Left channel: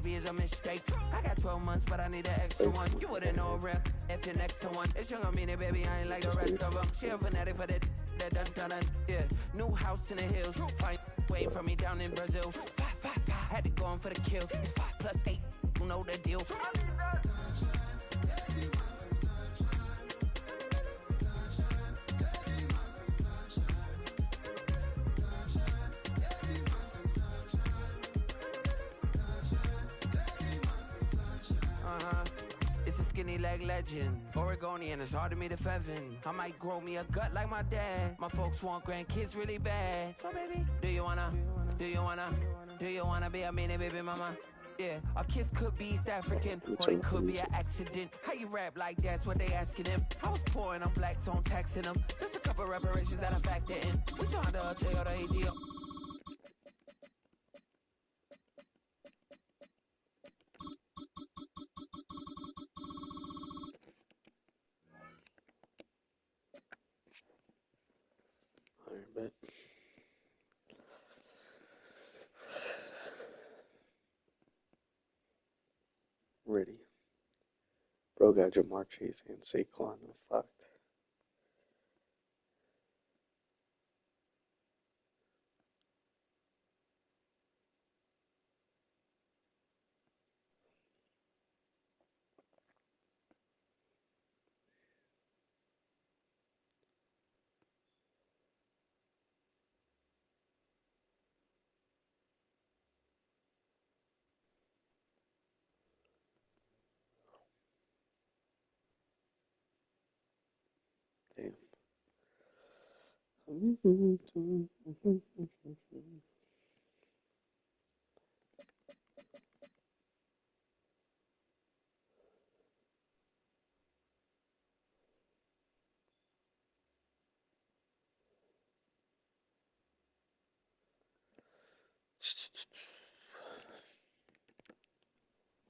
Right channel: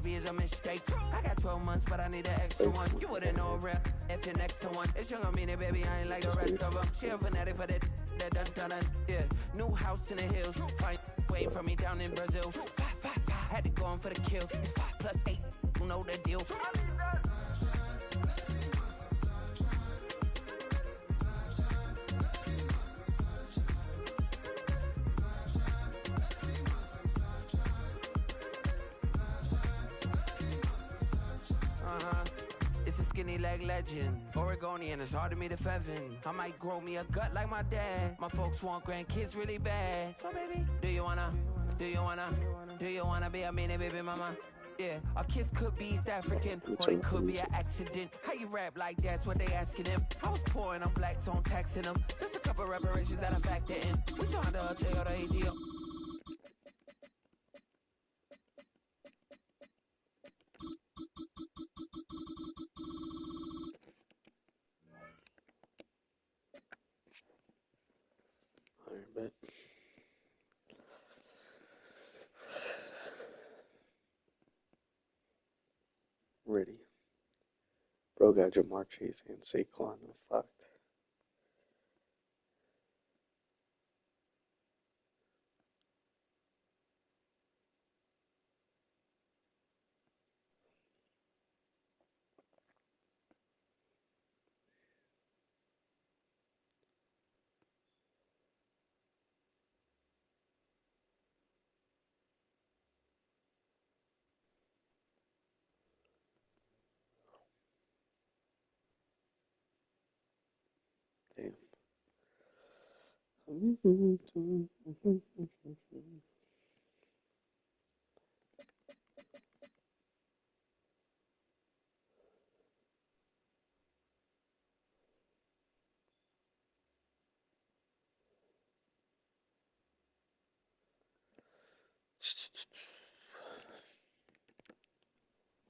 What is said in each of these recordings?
baby, is a mistake. I got 12 months, but I need an extra one. You wouldn't know a real if you're next to one. It's young, I mean it, baby, I ain't like the rest of them. She a fanatic for that dun. Yeah, new house in the hills. Fine, waiting for me down in Brazil. 5, had to go on for the kill. It's 5 plus 8, you know the deal. It's a skinny leg legend. Oregonian, it's hard to meet a Fevin. I might grow me a gut like my dad. My folks want grandkids really bad. So baby, do you wanna be a mini baby mama? Yeah, our kids could be East African, or it could be an accident. How you rap like that's what they asking him. I was poor and I'm black, so I'm taxing them. Just a couple reparations that I factor in. We saw the Toyota ADO. Alright, bet. Ready. Bro got Jamar Chase and Saquon. No fuck. Damn.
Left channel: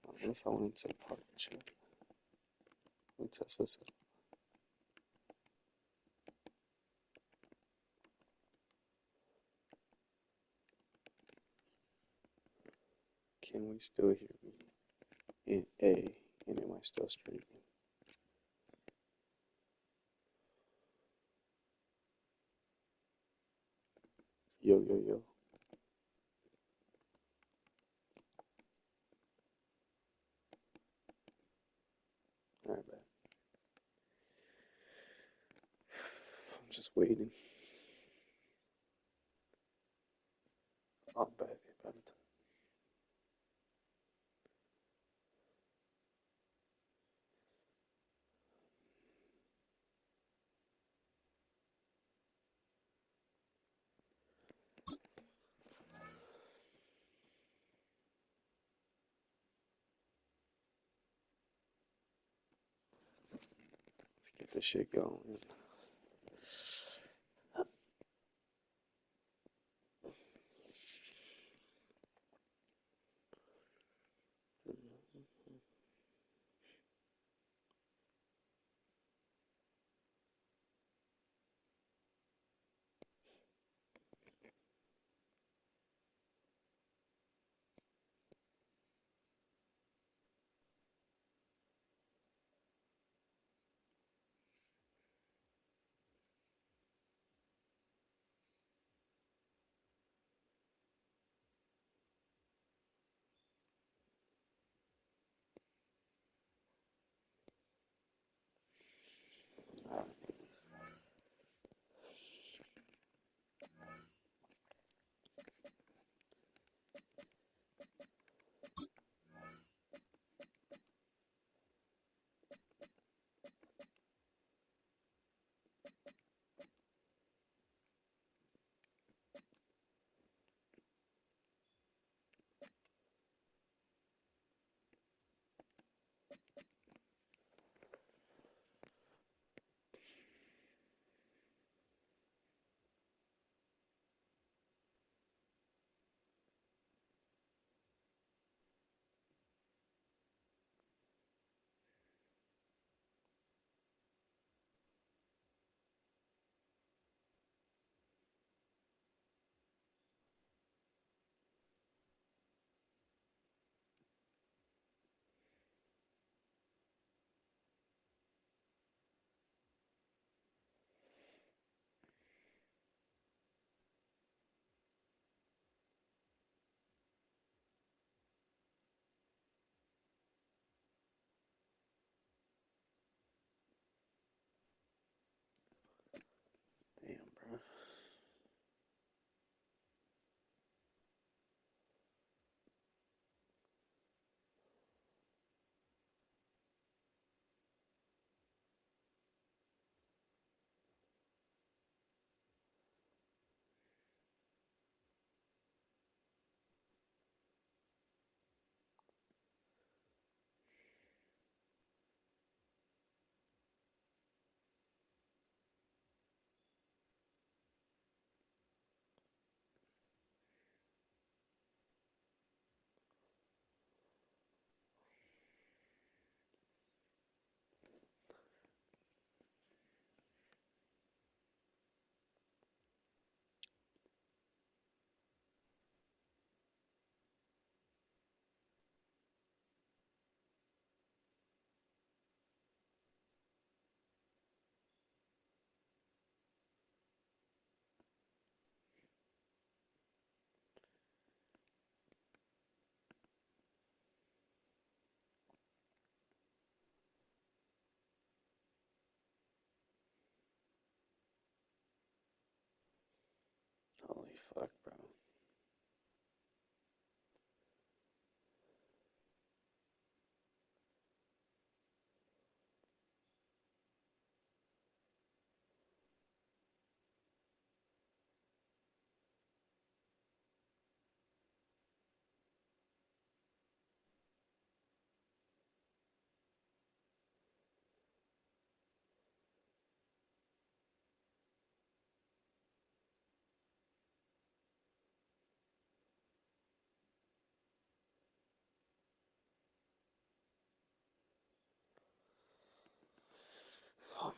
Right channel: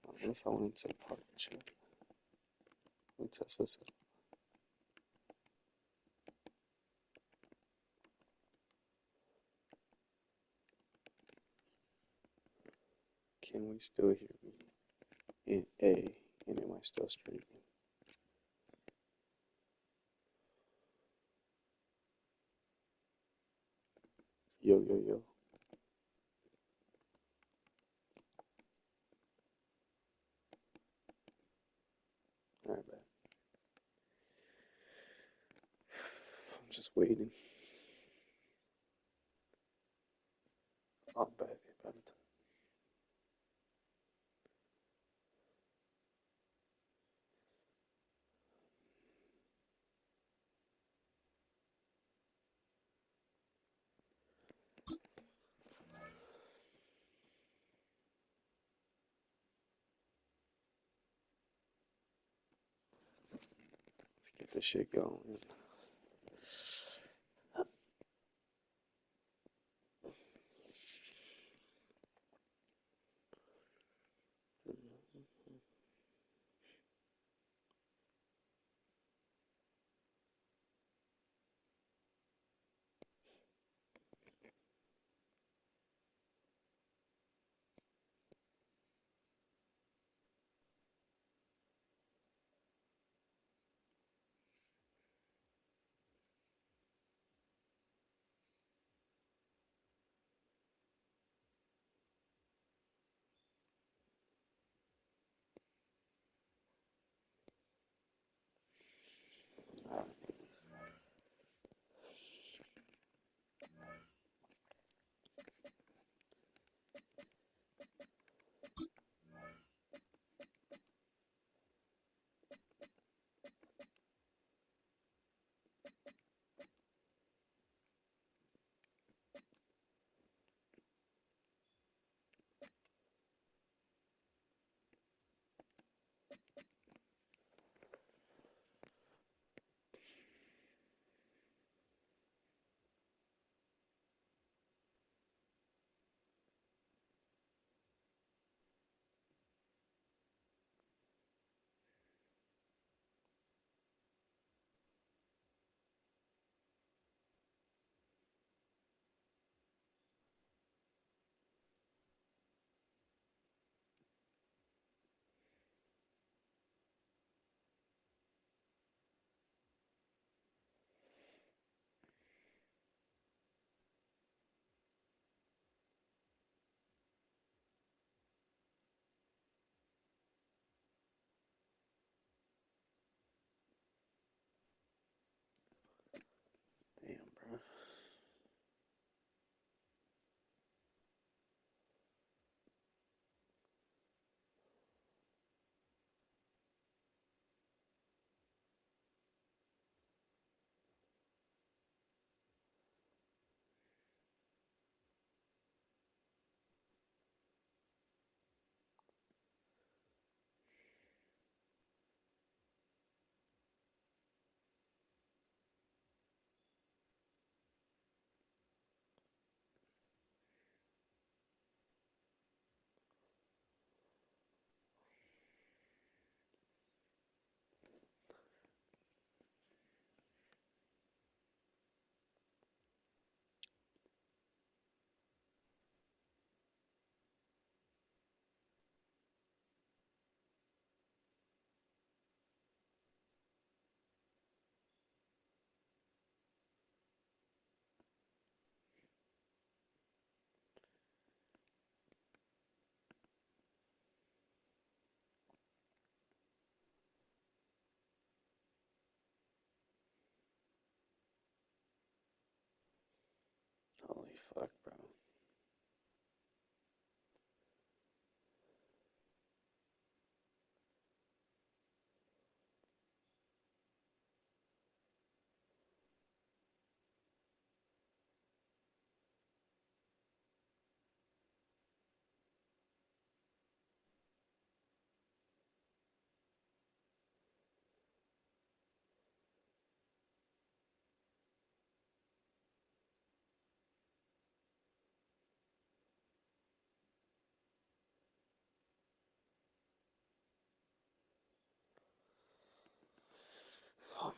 I guess I wanted to partnership. Let me test this out. Can we still hear me? And am I still streaming? Yo. Alright, bet. I'm just waiting. I'll bet about it. Let's get this shit going.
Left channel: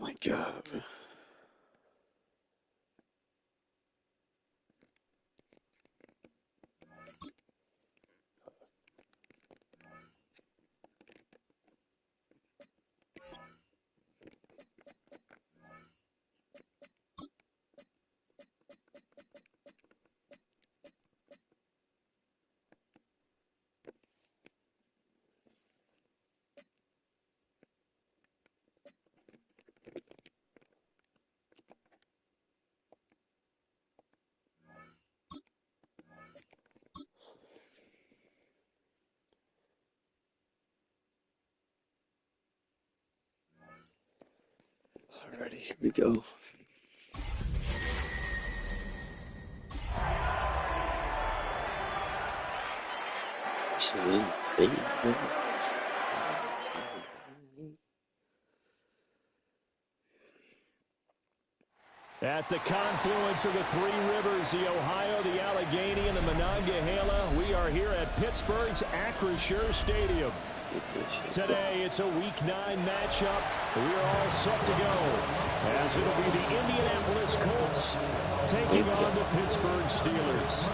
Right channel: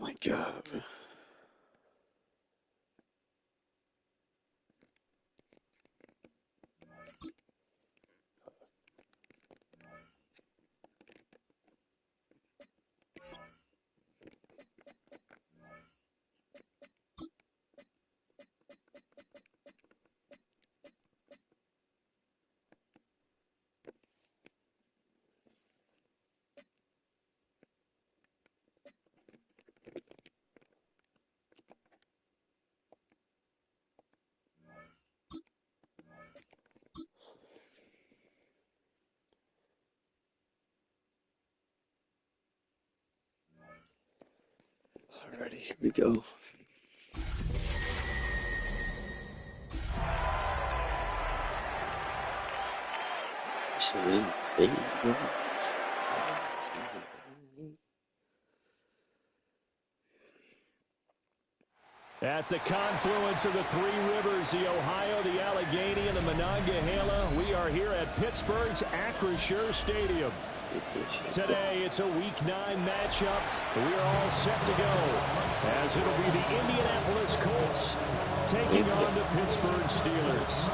my God. Alrighty, here we go. Stay. At the confluence of the three rivers, the Ohio, the Allegheny, and the Monongahela, we are here at Pittsburgh's Acrisure Stadium. Today, it's a Week 9 matchup. We are all set to go, as it'll be the Indianapolis Colts taking on the Pittsburgh Steelers.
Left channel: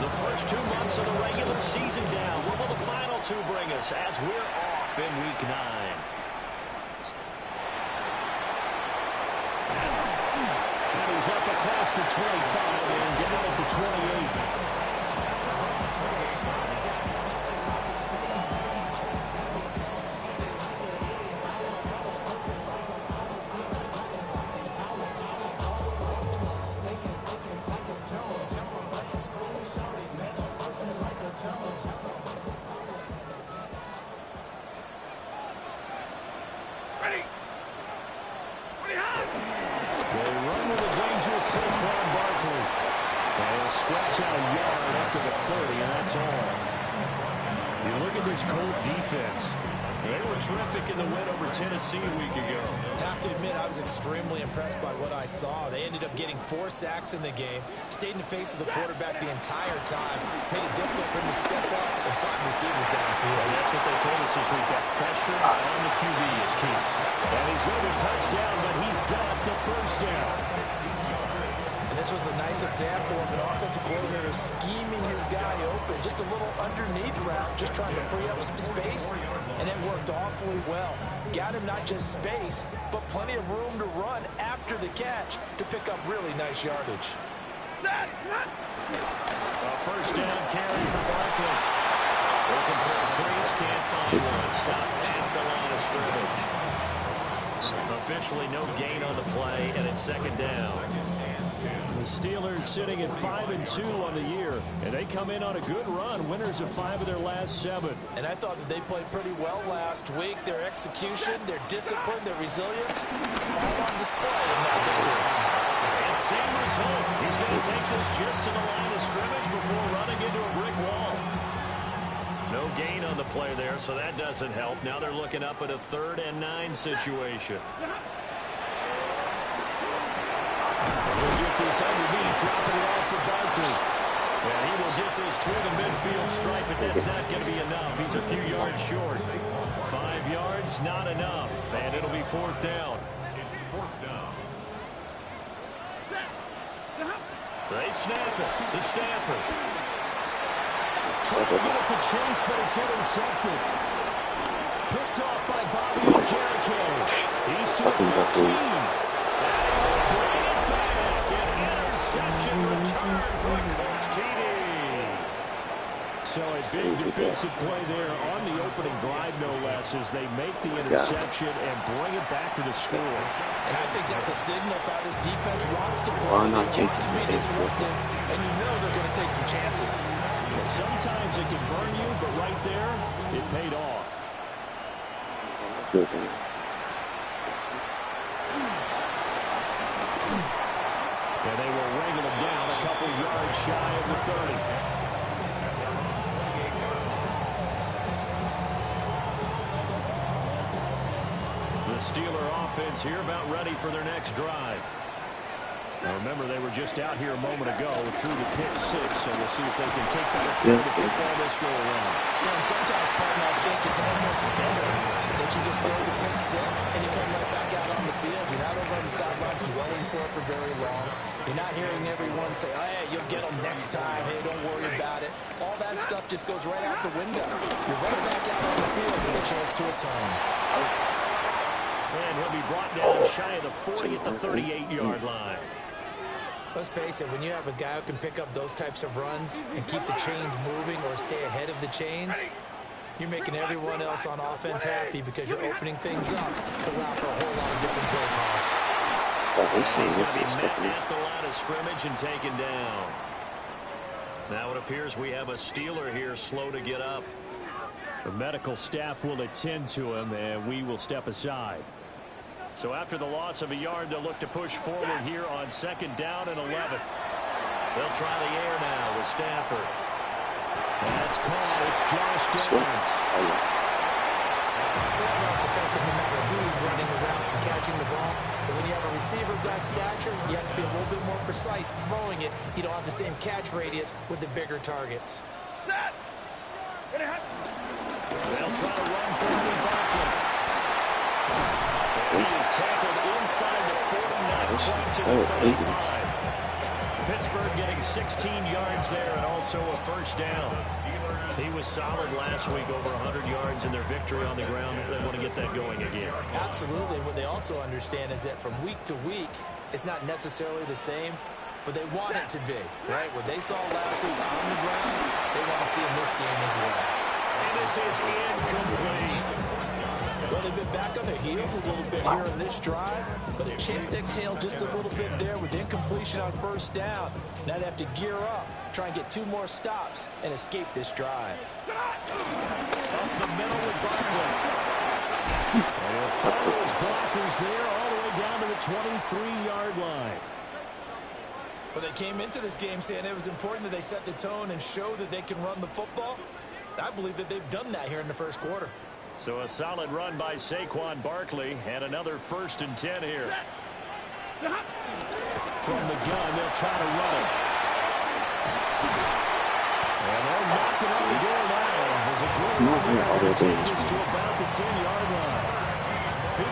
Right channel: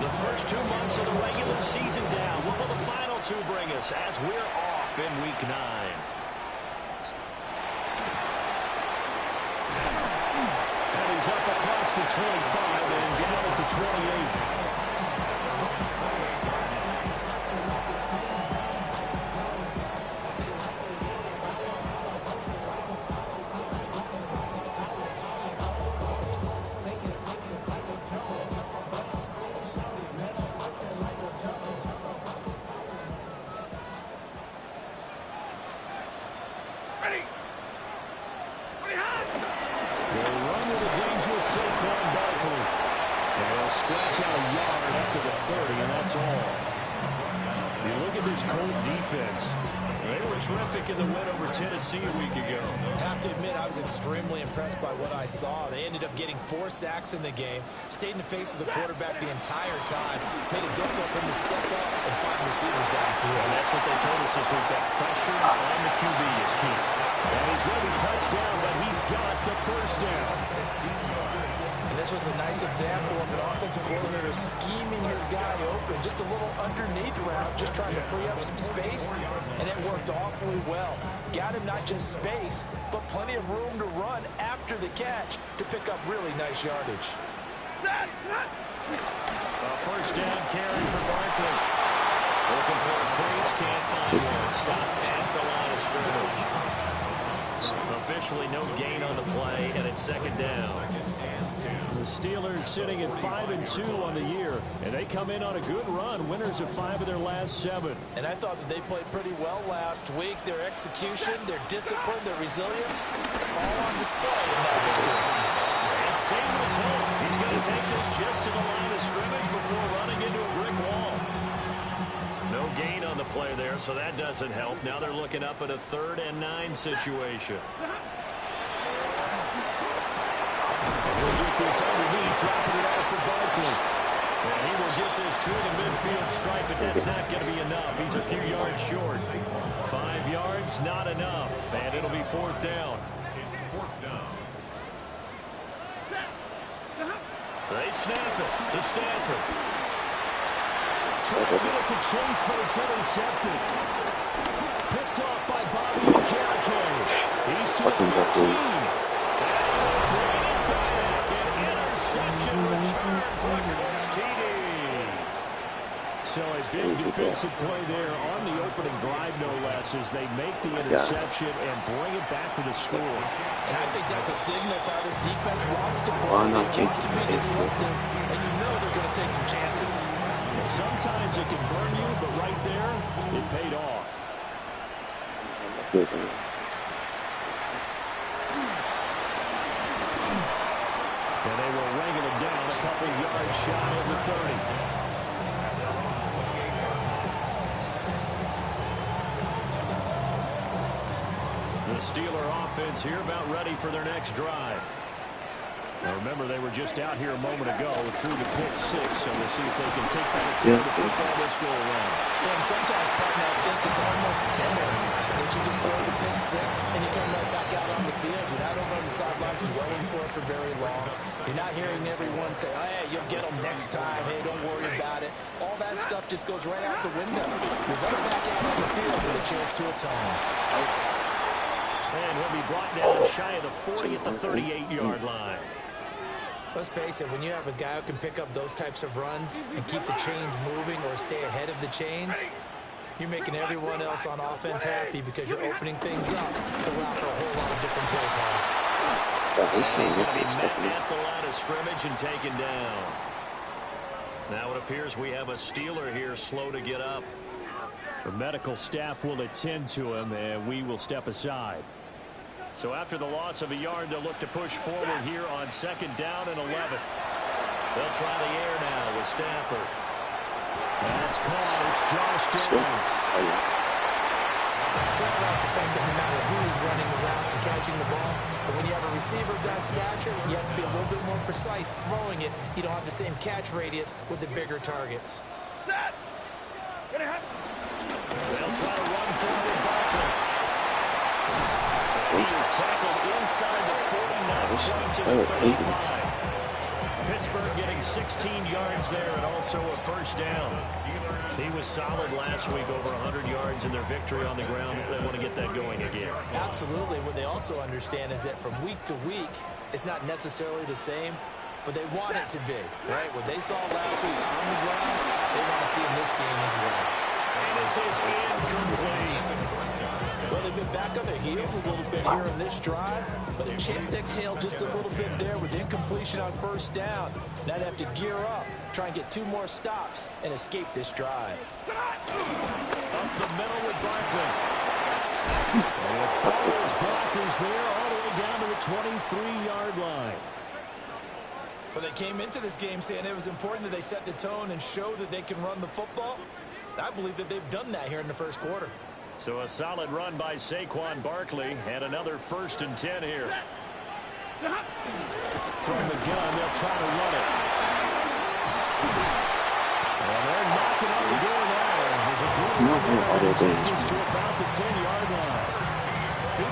The first 2 months of the regular season down. What will the final two bring us as we're off in Week 9? And he's up across the 25 and down at the 28. Scratch out a yard up to the 30, and that's all. You look at this Colt defense. They were terrific in the win over Tennessee a week ago. Have to admit, I was extremely impressed by what I saw. They ended up getting 4 sacks in the game, stayed in the face of the quarterback the entire time, made it difficult for him to step up and find receivers downfield. And that's what they told us this week, that pressure on the QB is key. And he's going to be touchdown, but he's got the first down. And this was a nice example of an offensive coordinator scheming his guy open, just a little underneath route, just trying to free up some space, and it worked awfully well. Got him not just space, but plenty of room to run after the catch to pick up really nice yardage. A first down carry for Barkley. Looking for a crease, can't find one. Stopped at the line of scrimmage. Officially no gain on the play, and it's second down. The Steelers sitting at 5-2 on the year, and they come in on a good run, winners of 5 of their last 7. And I thought that they played pretty well last week. Their execution, their discipline, their resilience, all on display in that victory. And same result. He's going to take this just to the line of scrimmage before running into a brick wall. No gain on the play there, so that doesn't help. Now they're looking up at a 3rd and 9 situation. And he'll get this underneath, dropping it off for Barkley. And he will get this to the midfield stripe, but that's not going to be enough. He's a few yards short. 5 yards, not enough. And it'll be 4th down. It's 4th down. They snap it to Stanford. Trying to get it to Chase, but it's intercepted. Picked off by Bobby Okereke. He's to the 15. Interception return for the Colts TD. So a big defensive play there on the opening drive, no less, as they make the interception and bring it back for the score. And I think that's a signal of how this defense wants to play. They want to be disruptive, and you know they're going to take some chances. Yeah, sometimes it can burn you, but right there, it paid off. And they will wrangle him down a couple yards shy of the 30. The Steeler offense here about ready for their next drive. Now remember, they were just out here a moment ago through the pick six, so we'll see if they can take better care of the football this go around. Yeah, and sometimes, partner, I think it's almost better that you just throw the pick six and you come right back out on the field. You're not over on the sidelines dwelling for it for very long. You're not hearing everyone say, oh, hey, you'll get them next time. Hey, don't worry about it. All that stuff just goes right out the window. You're running back out on the field with a chance to atone. And he'll be brought down shy of the 40 at the 38-yard line. Let's face it, when you have a guy who can pick up those types of runs and keep the chains moving or stay ahead of the chains, you're making everyone else on offense happy because you're opening things up to allow for a whole lot of different play calls. He's going to be met at the line of scrimmage and taken down. Now it appears we have a Steeler here slow to get up. The medical staff will attend to him, and we will step aside. So after the loss of a yard, they'll look to push forward here on 2nd down and 11. They'll try the air now with Stafford. That's caught. It's Josh Downs. Slant route's effective no matter who's running the route and catching the ball. But when you have a receiver of that stature, you have to be a little bit more precise throwing it. You don't have the same catch radius with the bigger targets. They'll try to run forward with Barkley. And he is tackled inside the 40, not quite to the 35. Pittsburgh getting 16 yards there and also a first down. He was solid last week, over 100 yards in their victory on the ground. They want to get that going again. Absolutely. What they also understand is that from week to week, it's not necessarily the same, but they want it to be, right? What they saw last week on the ground, they want to see in this game as well. And this is incomplete. Well, they've been back on their heels a little bit here in this drive, but a chance to exhale just a little bit there with incompletion on first down. Now they have to gear up, try and get 2 more stops, and escape this drive. Up the middle with Barkley. And follows blockers there all the way down to the 23-yard line. Well, they came into this game saying it was important that they set the tone and show that they can run the football. I believe that they've done that here in the first quarter. So a solid run by Saquon Barkley and another 1st and 10 here. From the gun, they'll try to run it. And they're knocking on the door now. There's a good run there, and takes us to about the 10-yard line.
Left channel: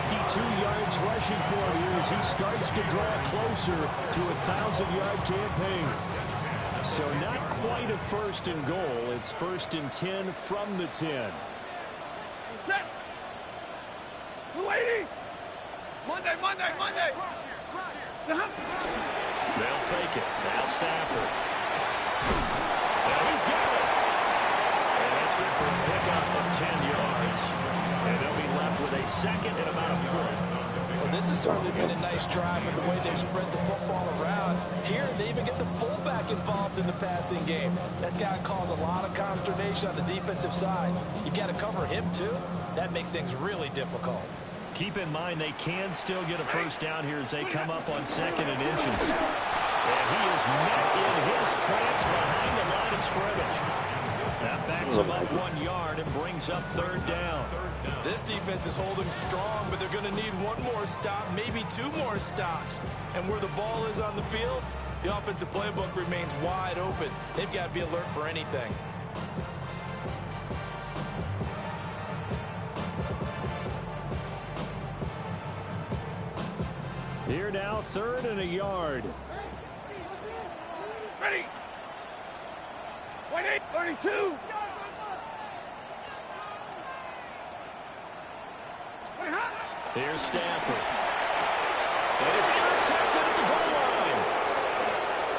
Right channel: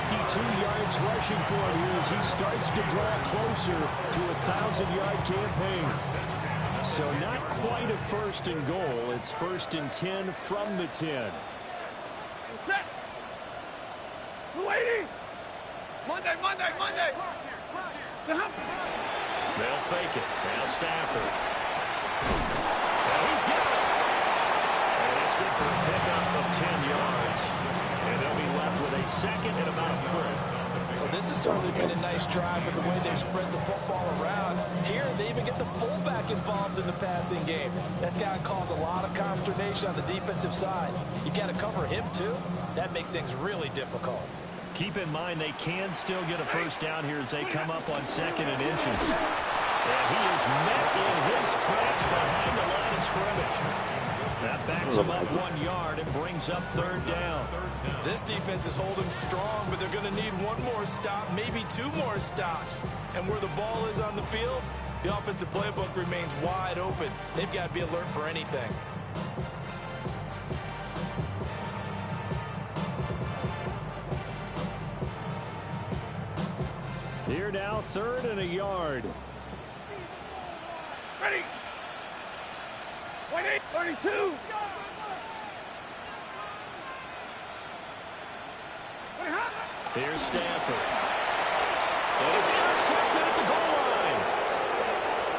52 yards rushing for him here as he starts to draw closer to a 1,000-yard campaign. So not quite a 1st and goal. It's 1st and 10 from the 10. Set. Waiting. Monday. They'll fake it. Now Stafford. Now he's got it. And that's good for a pickup of 10 yards. And they'll be left with a 2nd and about a 4th. Well, this has certainly been a nice drive with the way they've spread the football around. Here, they even get the fullback involved in the passing game. That's got to cause a lot of consternation on the defensive side. You've got to cover him, too. That makes things really difficult. Keep in mind they can still get a first down here as they come up on 2nd and inches. And he is met in his tracks behind the line of scrimmage. That backs him up 1 yard and brings up 3rd down. This defense is holding strong, but they're going to need 1 more stop, maybe 2 more stops. And where the ball is on the field, the offensive playbook remains wide open. They've got to be alert for anything. Here now, 3rd and a yard. Ready. 32. Here's Stafford. And it's intercepted at the goal line.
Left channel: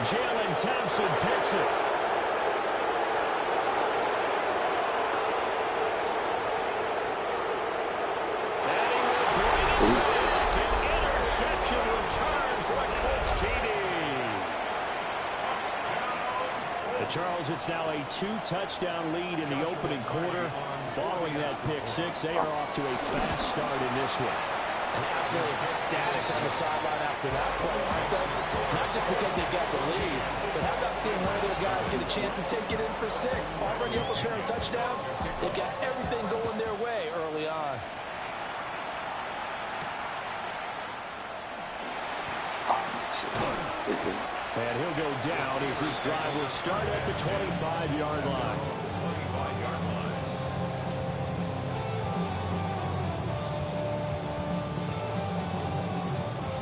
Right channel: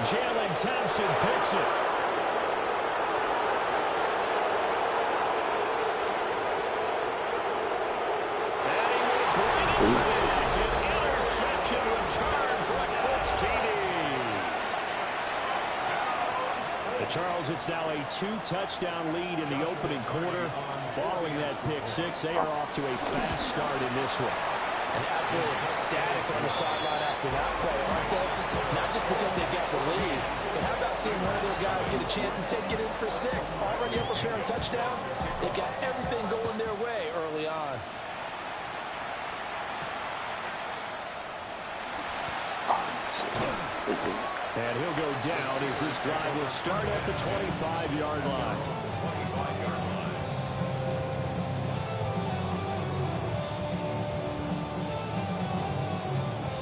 Jalen Thompson picks it. And he will bring it back. An interception return for a Colts TD. Charles, it's now a 2-touchdown lead in the opening quarter. Following that pick six, they are off to a fast start in this one. And absolutely ecstatic on the sideline after that play, aren't they? Not just because they've got the lead, but how about seeing one of their guys get a chance to take it in for 6? Already up a pair of touchdowns. They've got everything going their way early on. And he'll go down as this drive will start at the 25-yard line.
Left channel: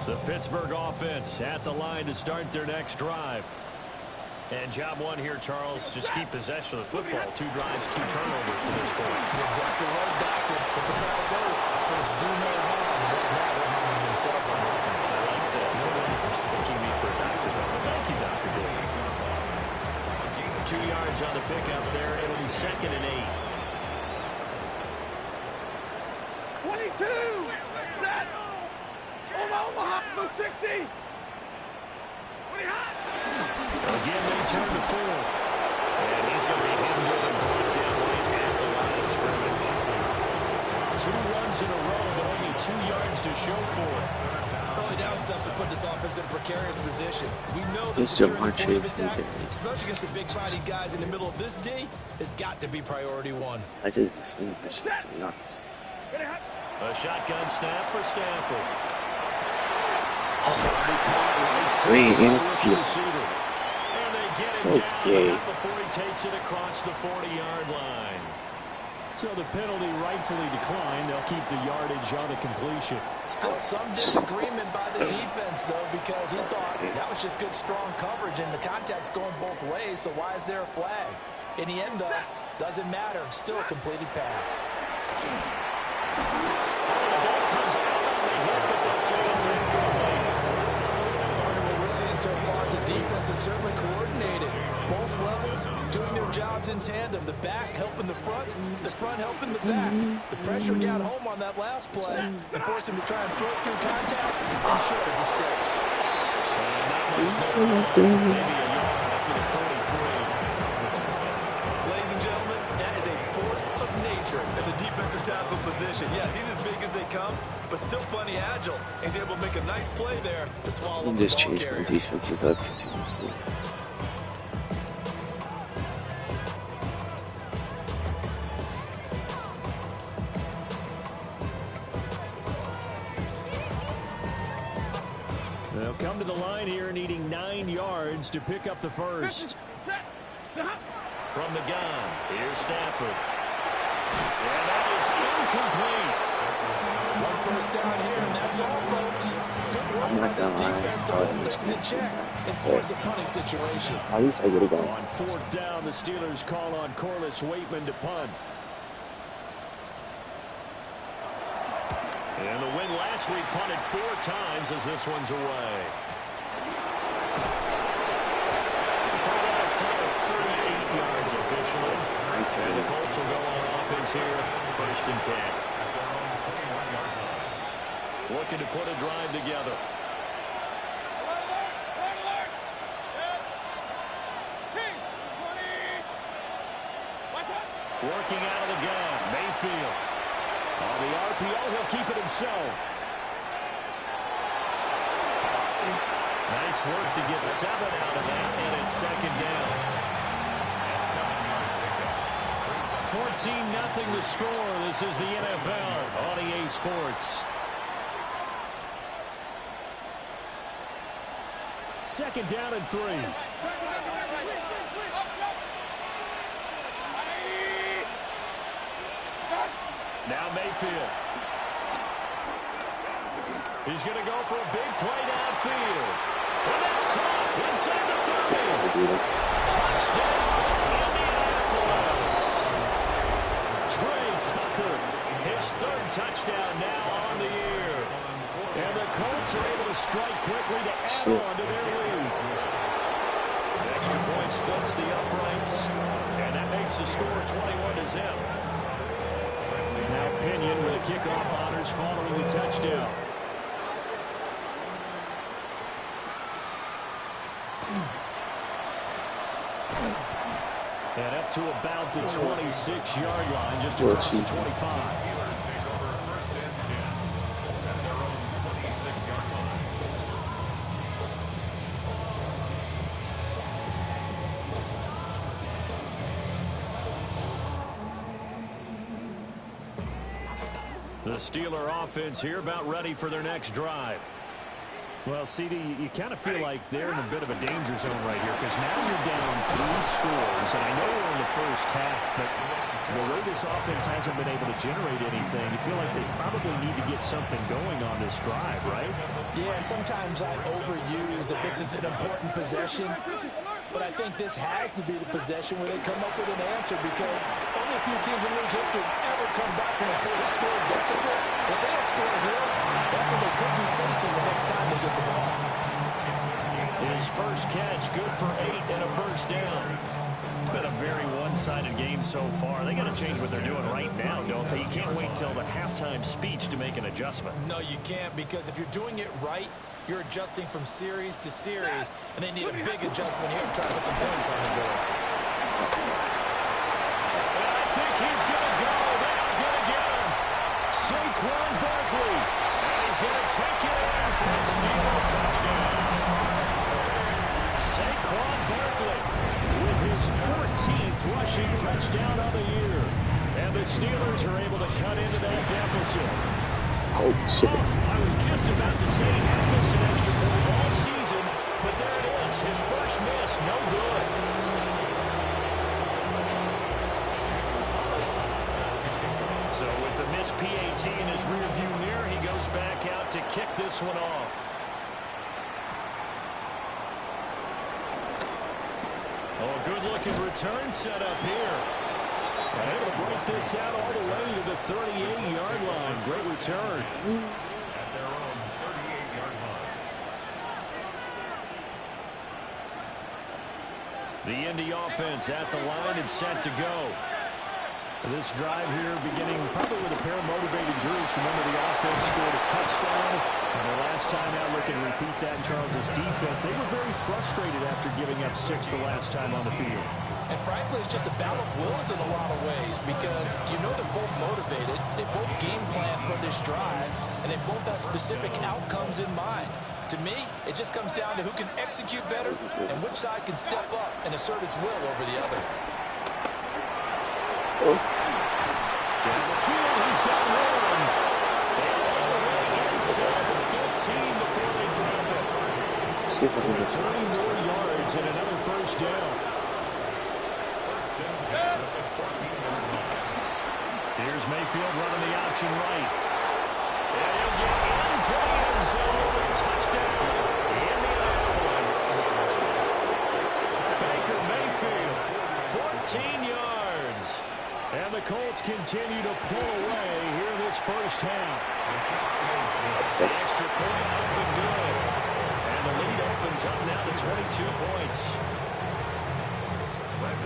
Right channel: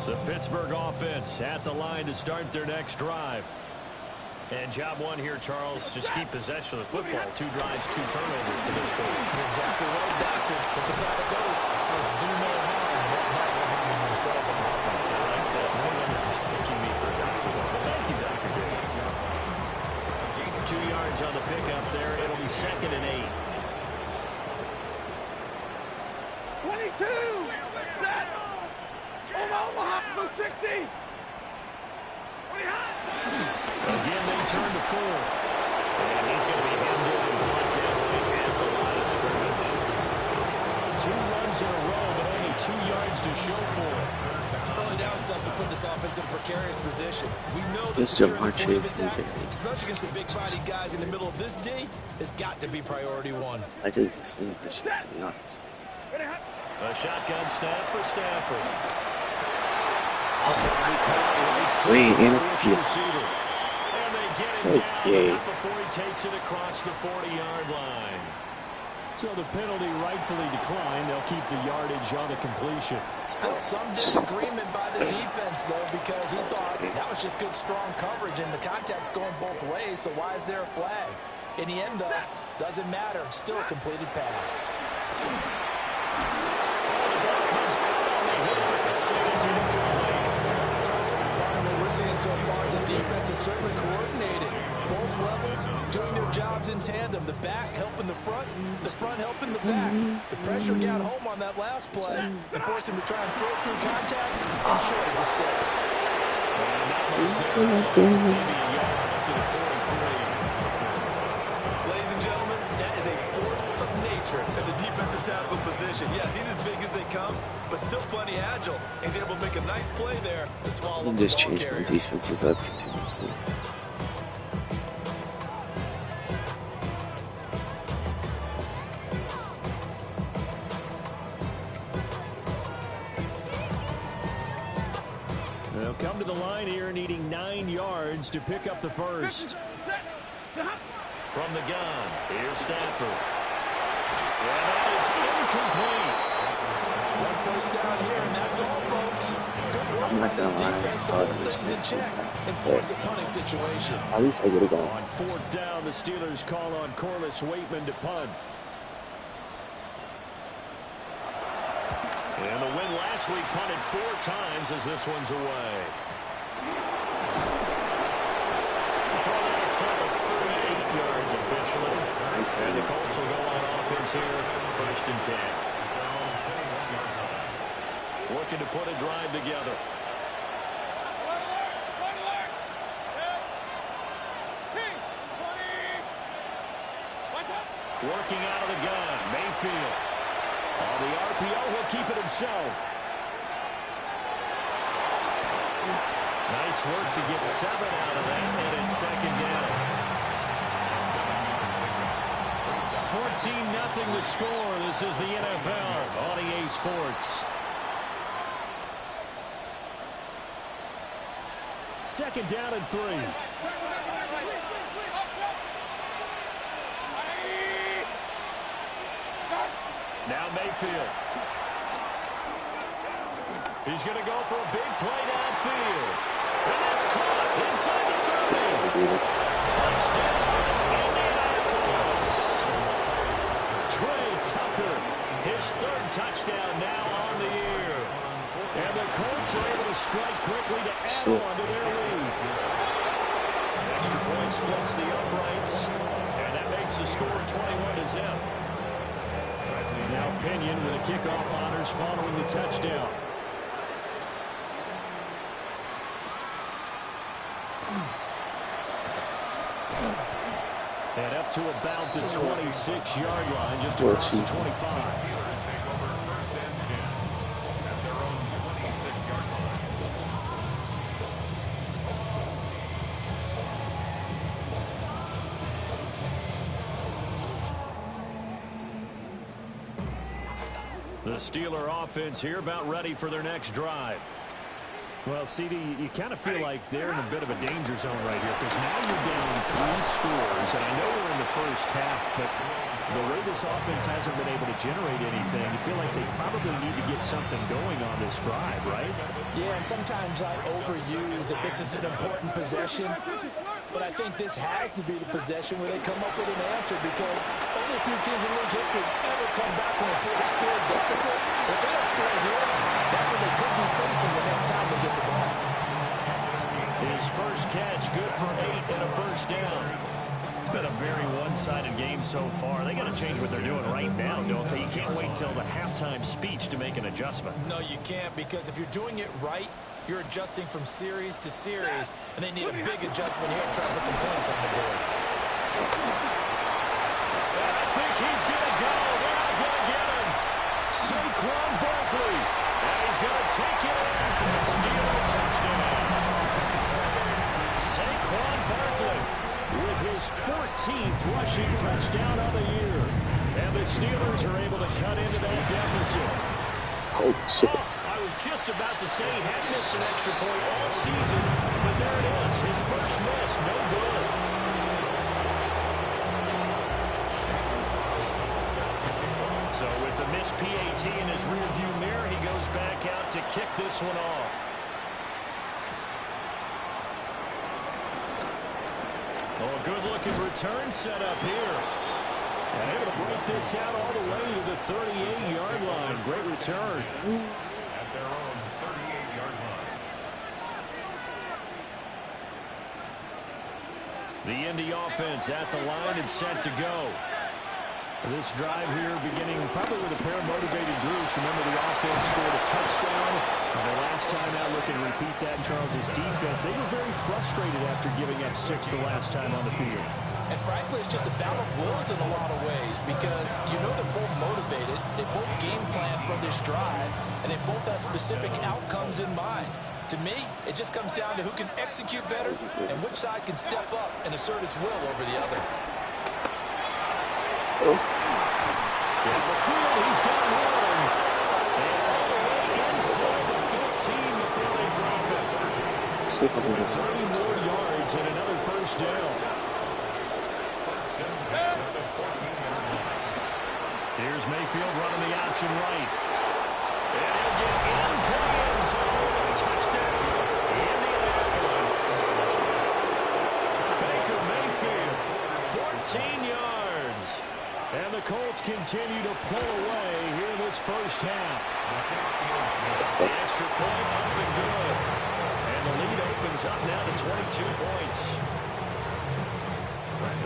The Pittsburgh offense at the line to start their next drive. And job one here, Charles, just keep possession of the football. 2 drives, 2 turnovers to this point. You're exactly right, Doctor. The prophetic oath, first do no harm, but never harming themselves on offense. I like that. No one is mistaking me for a doctor, though. But thank you, Dr. Davis. 2 yards on the pickup there. It'll be 2nd and 8. 22! Set! Omaha, move 60! 20 hot! Again, they turn to 4. And he's going to be hemmed in and brought down right at the line of scrimmage. 2 runs in a row, but only 2 yards to show for it. Early down stuff to put this offense in a precarious position. We know This the securing Jamar point of Chase attack, is especially against the big-bodied guys in the middle of this D, has got to be priority 1. I just be slaying that shit, to be honest. A shotgun snap for Stafford. Wait, and it's gay. And they get So him down gay. before he takes it across the 40-yard line. So the penalty rightfully declined. They'll keep the yardage on the completion. Still some disagreement by the defense, though, because he thought that was just good, strong coverage, and the contact's going both ways, so why is there a flag? In the end, though, doesn't matter. Still a completed pass. Oh, the ball comes out on the hit, but they'll say it's incomplete. Partner, what we're seeing so far is the defense is certainly coordinated. Both levels doing their jobs in tandem. The back helping the front, and the front helping the back. The pressure got home on that last play and forced him to try and throw through contact and short of the sticks. And not much there. Maybe a yard up to the 43. Ladies and gentlemen, that is a force of nature in the defensive tackle position. Yes, he's as big as they come, but still plenty agile. He's able to make a nice play there to swallow up the Just ball change my carrier. defenses up continuously. They'll come to the line here needing 9 yards to pick up the first. From the gun, here's Stafford. And that is incomplete. 1 first down here, and that's all, folks. Good work I'm by not this gonna lie, defense to I hold would things in understand check this and guy. force a punting situation. At least I would have On gone. 4th down, the Steelers call on Corliss Waitman to punt. And the win last week punted 4 times as this one's away. Call that a punt of 38 yards officially. And the Colts will go on offense here, 1st and 10. Looking to put a drive together. Working out of the gun, Mayfield. On the RPO, he'll keep it himself. Nice work to get 7 out of that, and it's 2nd down. 14-0 the score. This is the NFL on EA Sports. 2nd down and 3. Now Mayfield. He's going to go for a big play downfield. And that's caught inside the 30. Touchdown, Indianapolis. Trey Tucker, his 3rd touchdown now on the year. And the Colts are able to strike quickly to add on to their lead. Extra point splits the uprights. And that makes the score 21-0. Now Pinion with a kickoff honors following the touchdown. And up to about the 26-yard line, just across the 25. The Steeler offense here about ready for their next drive. Well, CD, you kind of feel like they're in a bit of a danger zone right here because now you're down 3 scores, and I know we're in the first half, but the way this offense hasn't been able to generate anything, you feel like they probably need to get something going on this drive, right? Yeah, and sometimes I overuse that this is an important possession, but I think this has to be the possession where they come up with an answer because only a few teams in league history ever come back from a 4-score deficit. If they don't score here, that's what they could be facing the next time they get the ball. His first catch, good for 8 and a first down. It's been a very one-sided game so far. They got to change what they're doing right now, don't they? You can't wait till the halftime speech to make an adjustment. No, you can't, because if you're doing it right, you're adjusting from series to series, and they need a big adjustment here to try to put some points on the board. I think he's going to go. They're not going to get him. Saquon Barkley. And he's going to take it in for a Steeler touchdown. Saquon Barkley with his 14th rushing touchdown of the year. And the Steelers are able to cut into that deficit. Oh, shit. I was just about to say he hadn't missed an extra point all season, but there it is. His first miss, no good. So with the missed PAT in his rearview mirror, he goes back out to kick this one off. Oh, a good-looking return set up here. And able to break this out all the way to the 38-yard line. Great return. At their own 38-yard line. The Indy offense at the line and set to go. This drive here beginning probably with a pair of motivated groups. Remember, the offense scored a touchdown on their last time out. Looking to repeat that in Charles's defense. They were very frustrated after giving up 6 the last time on the field. And frankly, it's just a battle of wills in a lot of ways because you know they're both motivated, they both game plan for this drive, and they both have specific outcomes in mind. To me, it just comes down to who can execute better and which side can step up and assert its will over the other. Down the field, he's got one. And all the way inside the 15 before they drop it. 30 more yards and another first down. Here's Mayfield running the option right. And he'll get into the end zone. Touchdown, Indianapolis. Baker Mayfield, 14 yards. And the Colts continue to pull away here this first half. The extra point up and good. And the lead opens up now to 22 points.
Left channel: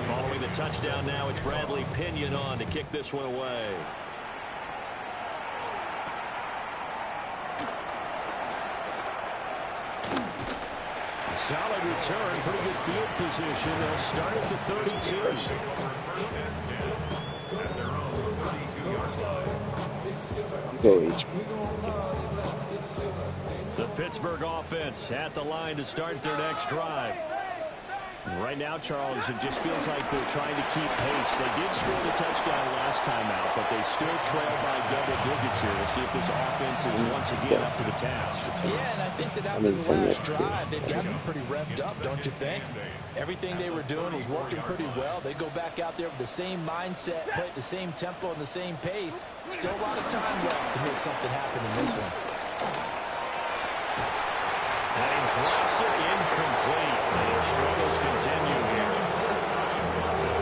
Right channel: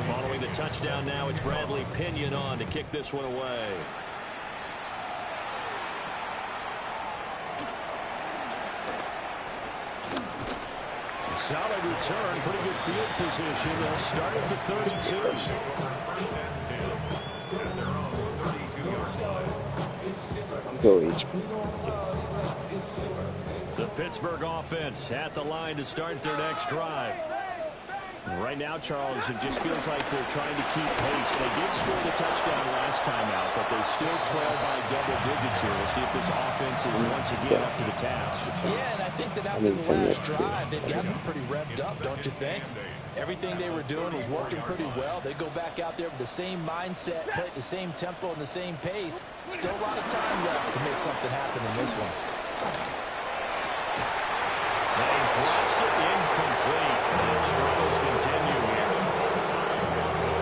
Following the touchdown now, it's Bradley Pinion on to kick this one away. Solid return, pretty good field position. They'll start at the 32. At their own 32-yard line. Go H. The Pittsburgh offense at the line to start their next drive. Right now, Charles, it just feels like they're trying to keep pace. They did score the touchdown last time out, but they still trail by double digits here. We'll see if this offense is once again up to the task. Yeah, and I think that after the last drive, they've gotten pretty revved up, don't you think? Everything they were doing was working pretty well. They go back out there with the same mindset, play at the same tempo and the same pace. Still a lot of time left to make something happen in this one. And he drops it incomplete. And their struggles continue here.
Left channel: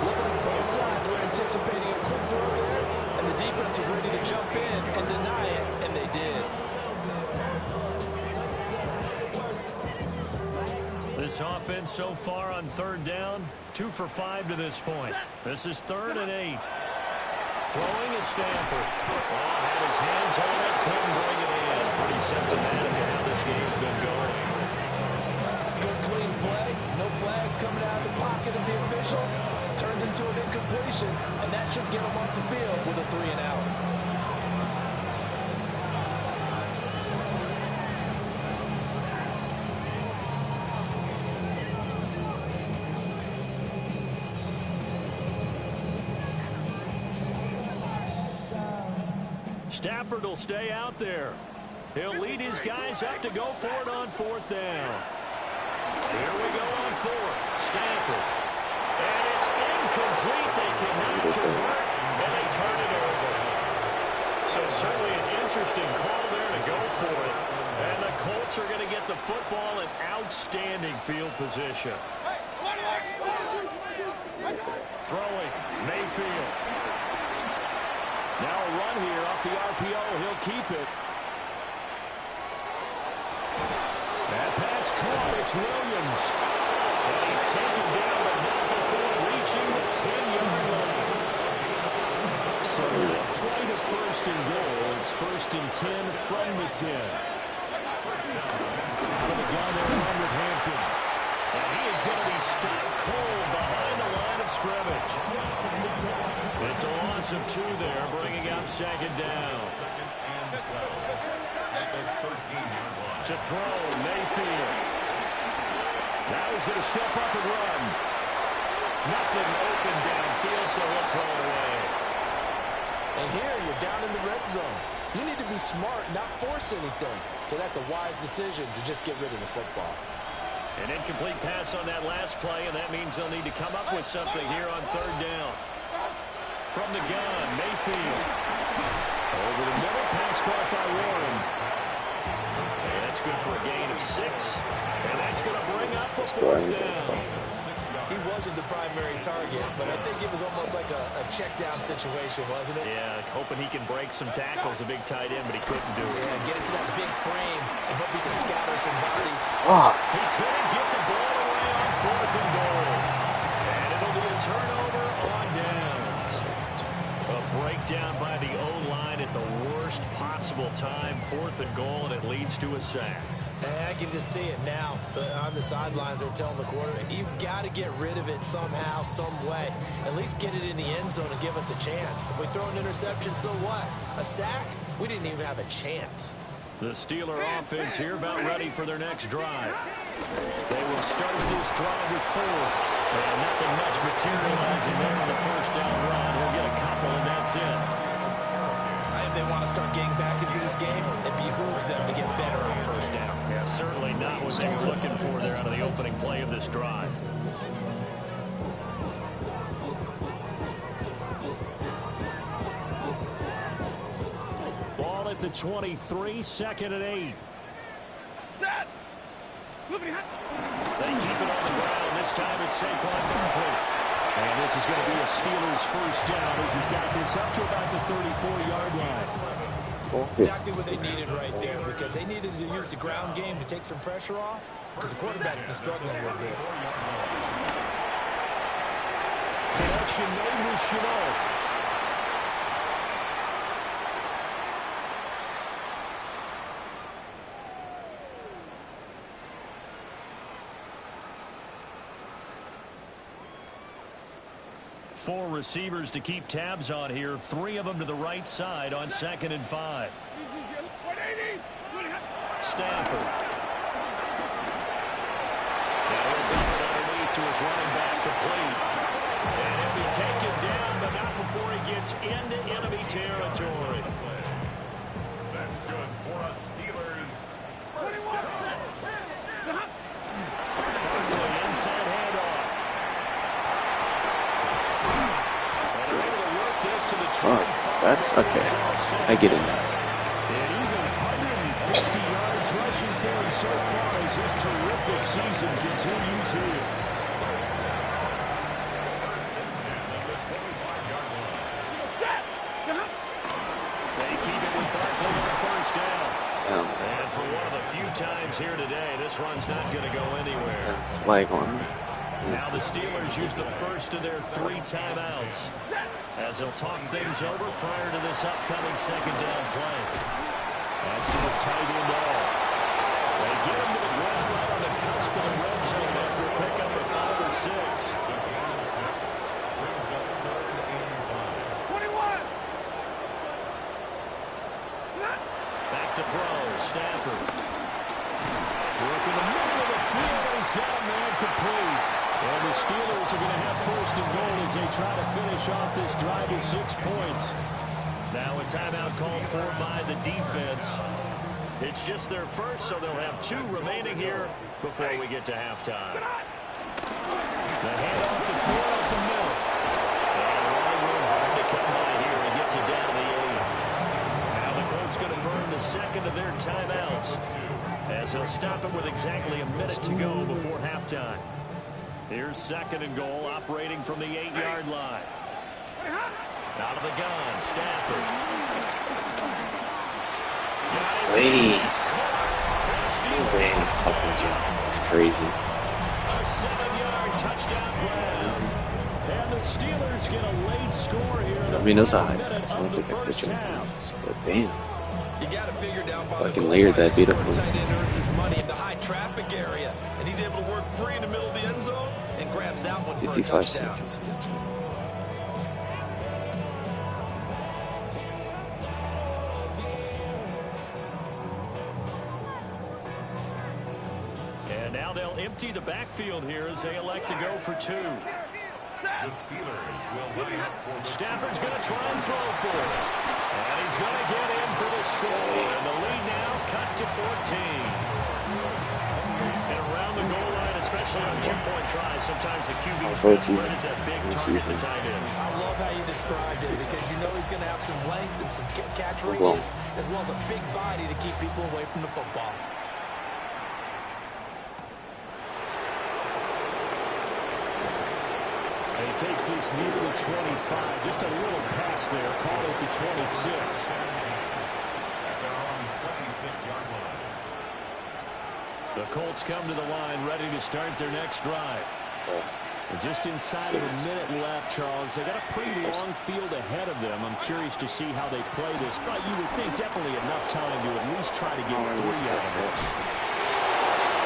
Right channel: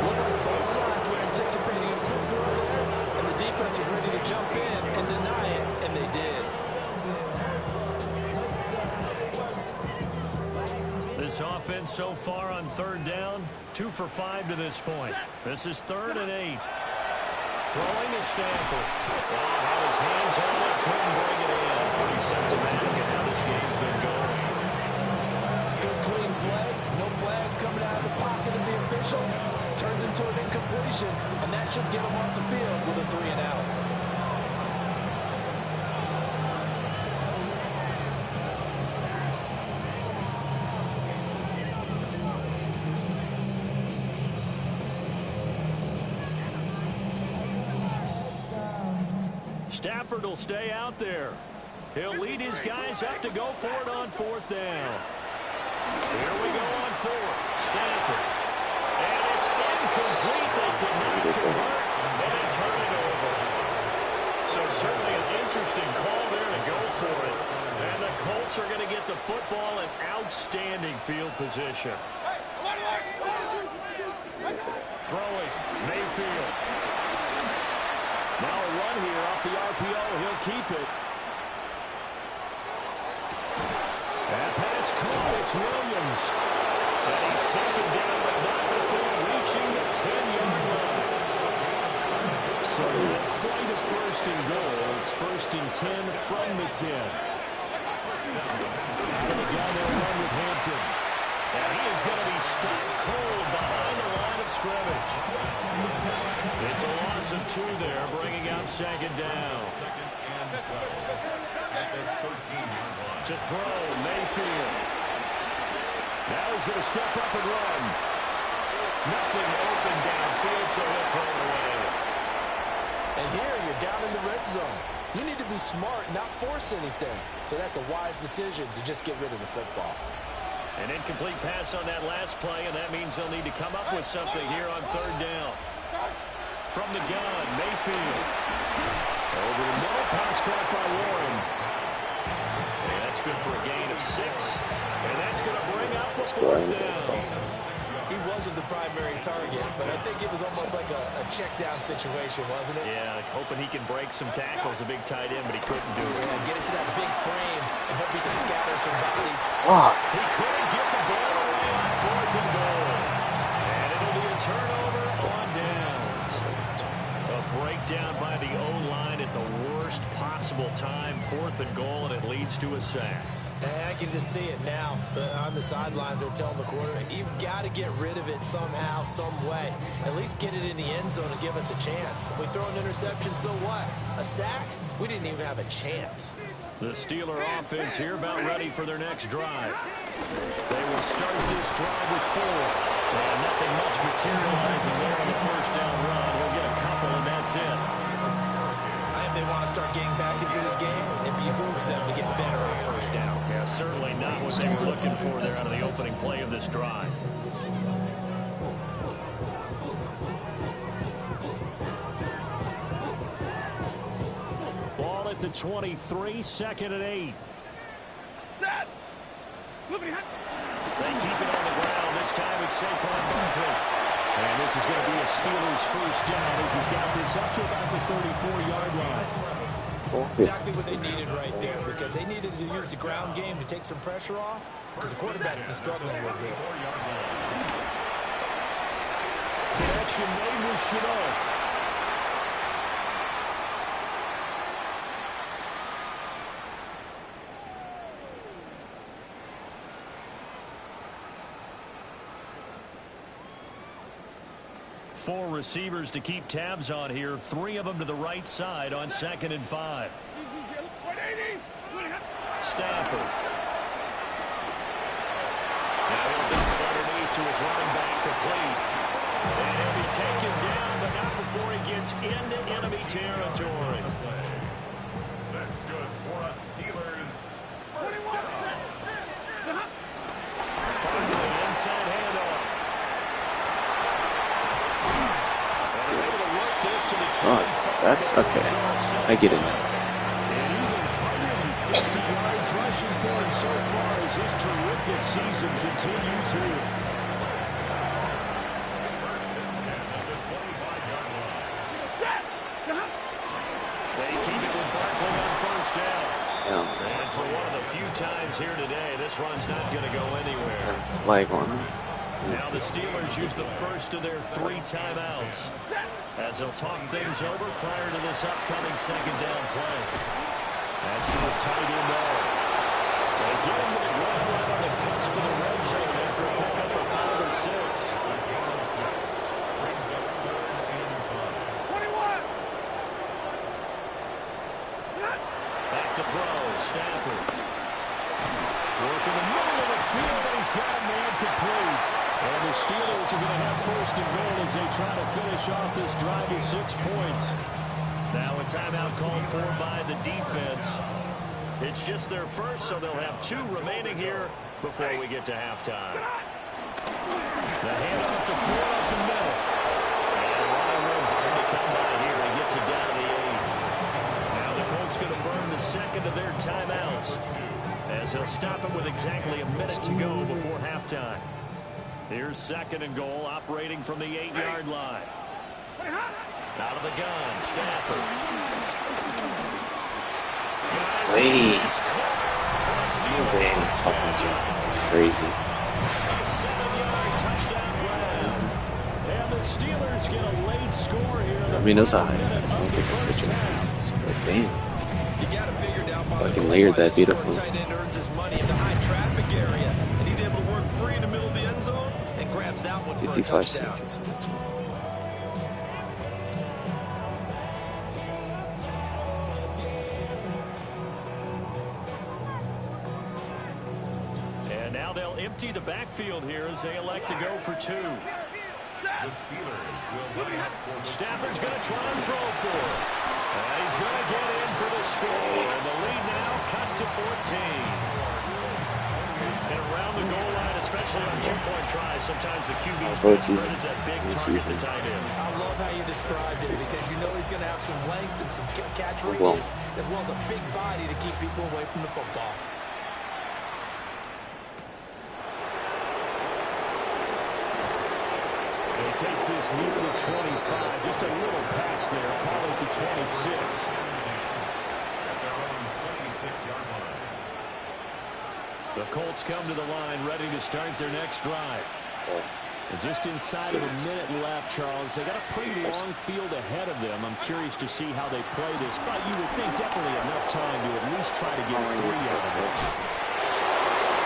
Looking at both sides, we're anticipating a quick throw there, and the defense was ready to jump in and deny it, and they did. This offense so far on third down, 2 for 5 to this point. This is 3rd and 8. Throwing is Stafford. Oh, had his hands on it, couldn't bring it in. Pretty symptomatic of how this game's been going. Good clean play. No flags coming out of the pocket of the officials. Turns into an incompletion, and that should get them off the field with a 3 and out. Stafford will stay out there. He'll lead his guys up to go for it on 4th down. Here we go on 4th. Stafford. And it's incomplete. They cannot convert, and they turn it over. So certainly an interesting call there to go for it. And the Colts are going to get the football in outstanding field position. Throwing, Mayfield. Now a run here off the RPO. He'll keep it. That pass caught. It's Williams. And he's taken down, but not before reaching the 10-yard line. So not quite a 1st and goal. It's 1st and 10 from the 10. Out of the gun, they'll run with Hampton. And he is going to be stopped cold behind the line of scrimmage. It's a loss of 2 there, bringing up 2nd down. To throw, Mayfield. Now he's going to step up and run. Nothing open downfield, so he'll throw it away. And here you're down in the red zone. You need to be smart, not force anything. So that's a wise decision to just get rid of the football. An incomplete pass on that last play, and that means they'll need to come up with something here on 3rd down. From the gun, Mayfield. Over the middle, pass caught by Warren. And that's good for a gain of 6. And that's going to bring up a 4th down. He wasn't the primary target, but I think it was almost like a check down situation, wasn't it? Yeah, like hoping he can break some tackles, a big tight end, but he couldn't do it. Yeah, get into that big frame and hope he can scatter some bodies. He couldn't get the ball away on 4th and goal. And it'll be a turnover on downs. A breakdown by the O-line at the worst possible time. 4th and goal, and it leads to a sack. And I can just see it now. On the sidelines, they're telling the quarterback, you've got to get rid of it somehow, some way. At least get it in the end zone and give us a chance. If we throw an interception, so what? A sack? We didn't even have a chance. The Steeler offense here about ready for their next drive. They will start this drive with 4. And nothing much materializing there on the 1st down run. He'll get a couple, and that's it. If they want to start getting back into this game, it behooves them to get better on 1st down. Yeah, certainly not what they were looking for there out of the opening play of this drive. Ball at the 23, 2nd and 8. They keep it on the ground. This time it's Saquon Barkley. And this is going to be a Steelers 1st down as he's got this up to about the 34-yard line. Exactly what they needed right there, because they needed to use the ground game to take some pressure off, because the quarterback's been struggling a little bit. Connection made with Chenault. Four receivers to keep tabs on here. 3 of them to the right side on 2nd and 5. Stafford. Now he'll dump it underneath to his running back, complete. And he'll be taken down, but not before he gets into enemy territory. That's good for us Steelers. 1st down. Barkley inside handoff. That's okay. I get it now. And even 150 yards rushing for him so far as his terrific season continues here. 1st and 10 of the 25-yard line. They keep it with Barkley on 1st down. And for one of the few times here today, this run's not going to go anywhere. It's like on. Now the Steelers use the first of their 3 timeouts as they'll talk things over prior to this upcoming 2nd down play. That's to his tight end all. They get him to the ground right on the cusp of the red zone after a pickup of 5 or 6. Brings up 3rd and 5. 21. Back to throw, Stafford. Work in the middle of the field, and he's got a man complete. And the Steelers are going to have 1st and goal as they try to finish off this drive with 6 points. Now a timeout called for by the defense. It's just their first, so they'll have 2 remaining here before we get to halftime. The handoff to Ford up the middle. And running room hard to come by here. He gets it down to the 8. Now the Colts going to burn the second of their timeouts, as he'll stop it with exactly a minute to go before halftime. Here's 2nd and goal, operating from the 8-yard line. Out of the gun, Stafford. Wait. It's crazy. A 7-yard touchdown grab. And the Steelers get a late score here. I mean, those are highlights. I don't think I pictured it. But damn. You got to figure down by Fucking layered that beautifully. tight end earns his money in the high traffic area, and he's able to work free in the middle of the end zone and grabs that one for a 55 touchdown. seconds. And now they'll empty the backfield here as they elect to go for 2. The Steelers will line up for the Stafford's going to try and throw for it. And he's going to get in for the score. And the lead now cut to 14. And around the goal line, especially on 2-point tries, sometimes the QB's best friend is that big target, the tight end. I love how you described it, because you know he's going to have some length and some catch radius, as well as a big body to keep people away from the football. And he takes this near the 25. Just a little pass there. Call it the 26. at their own 26-yard line. The Colts come to the line ready to start their next drive. And just inside of a minute left, Charles. They got a pretty long field ahead of them. I'm curious to see how they play this. But you would think definitely enough time to at least try to get 3 out of it.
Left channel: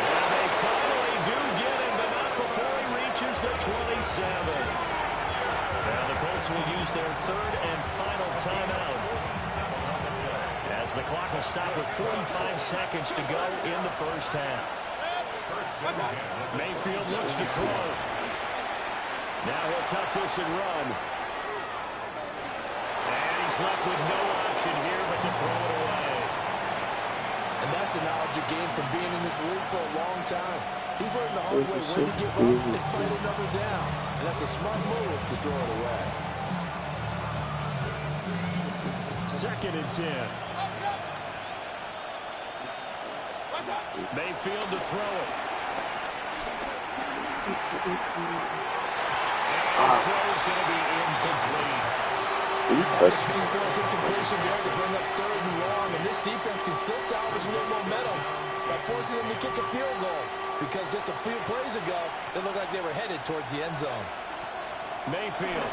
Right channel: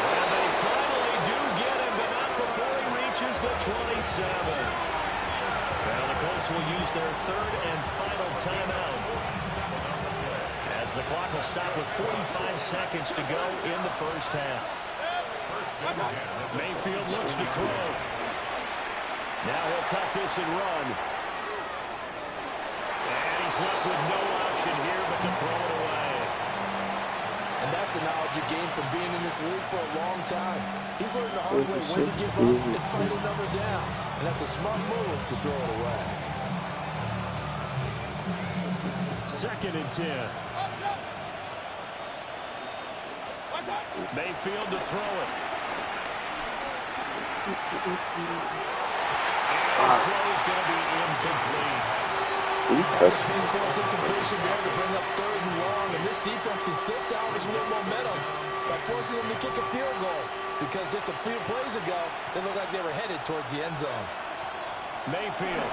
And they finally do get him, but not before he reaches the 27. Now the Colts will use their 3rd and final timeout, as the clock will stop with 45 seconds to go in the first half. Mayfield looks to throw. Now he'll tuck this and run. And he's left with no option here but to throw it away. And that's the knowledge you gain from being in this league for a long time. He's learned the hard way when to give up and fight another down. And that's a smart move to throw it away. 2nd and 10. Mayfield to throw it. And his throw is going to be incomplete. He touched Being forced incompletion there to bring up 3rd and long, and this defense can still salvage a little momentum by forcing them to kick a field goal, because just a few plays ago, they looked like they were headed towards the end zone. Mayfield.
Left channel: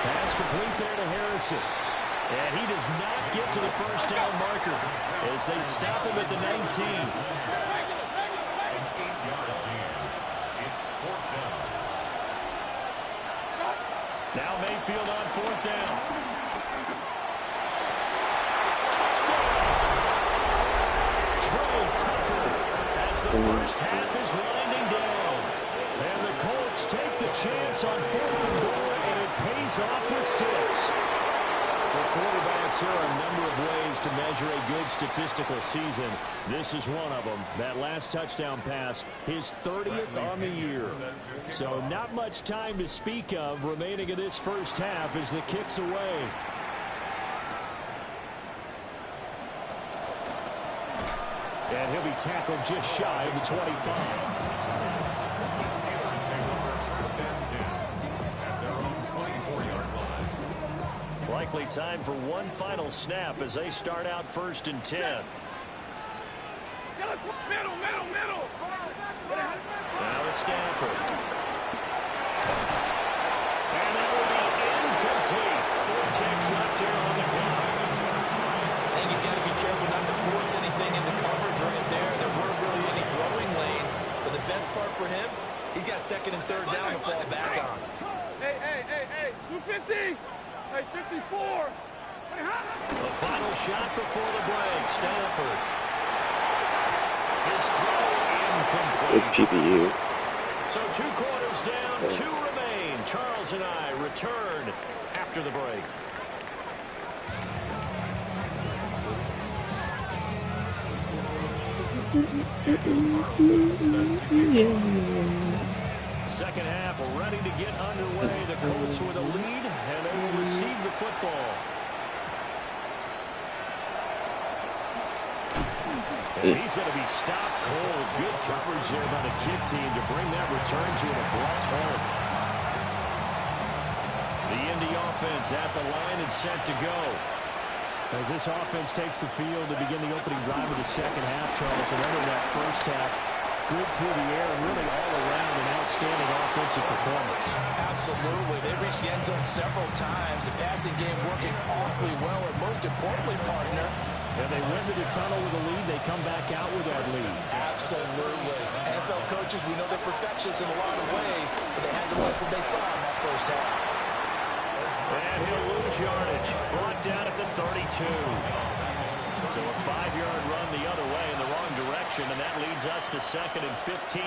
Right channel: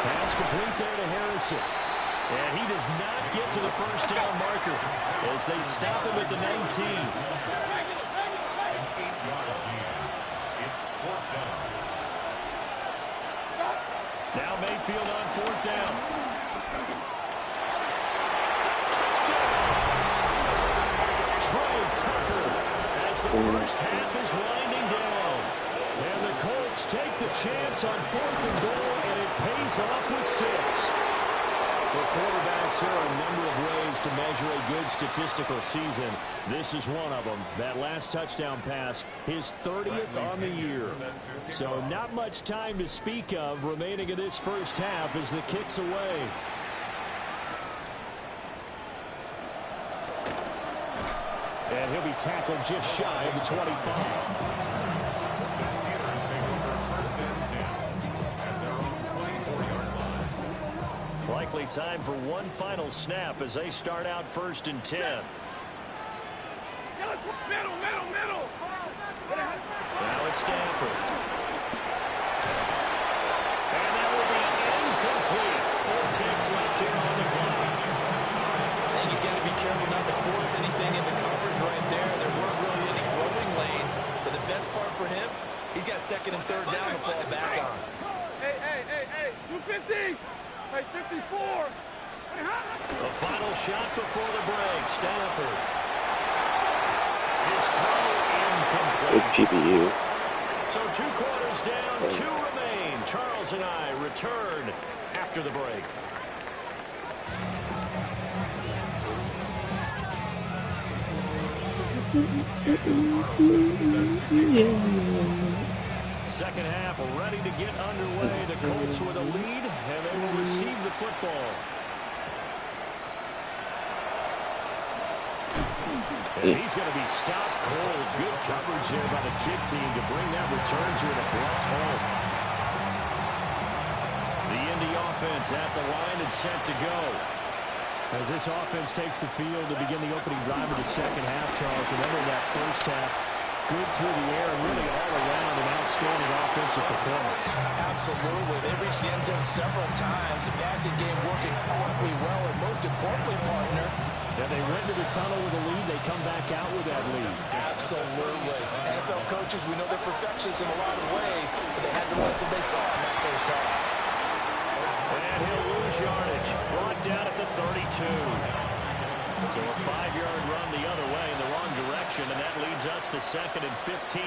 Pass complete there to Harrison. And he does not get to the first down marker as they stop him at the 19. An 8-yard gain. It's 4th down. Now Mayfield on 4th down. Touchdown! Trey Tucker, as the first half is winding down. And the Colts take the chance on 4th and goal, and it pays off with 6. For quarterbacks, there are a number of ways to measure a good statistical season. This is one of them. That last touchdown pass, his 30th on the year. So not much time to speak of remaining in this first half as the kick's away. And he'll be tackled just shy of the 25. The Steelers take over 1st and 10 at their own 24-yard line. Likely time for one final snap as they start out 1st and 10. Middle. Now it's Stafford. And that will be incomplete. 4 ticks left here on the clock. I think he's got to be careful not to force anything into coverage right there. There weren't really any throwing lanes, but the best part for him, he's got 2nd and 3rd down to fall back on. Hey, 250. Hey, 54. The final shot before the break. Stafford. His throw Good incomplete. GPU. So 2 quarters down, 2 remain. Charles and I return after the break. Second half ready to get underway. The Colts with a lead, and they will receive the football. And he's going to be stopped cold. Good coverage there by the kick team to bring that return to an abrupt halt. The Indy offense at the line and set to go. As this offense takes the field to begin the opening drive of the second half, Charles, remember that first half, good through the air and really all around an outstanding offensive performance. Absolutely. They reached the end zone several times. The passing game working awfully well, and most importantly, partner, yeah, they went to the tunnel with a lead. They come back out with that lead. Absolutely. NFL coaches, we know they're perfectionists in a lot of ways, but they had to like what they saw in that first half. And he'll lose yardage. Brought down at the 32. So a 5-yard run the other way in the wrong direction, and that leads us to 2nd and 15.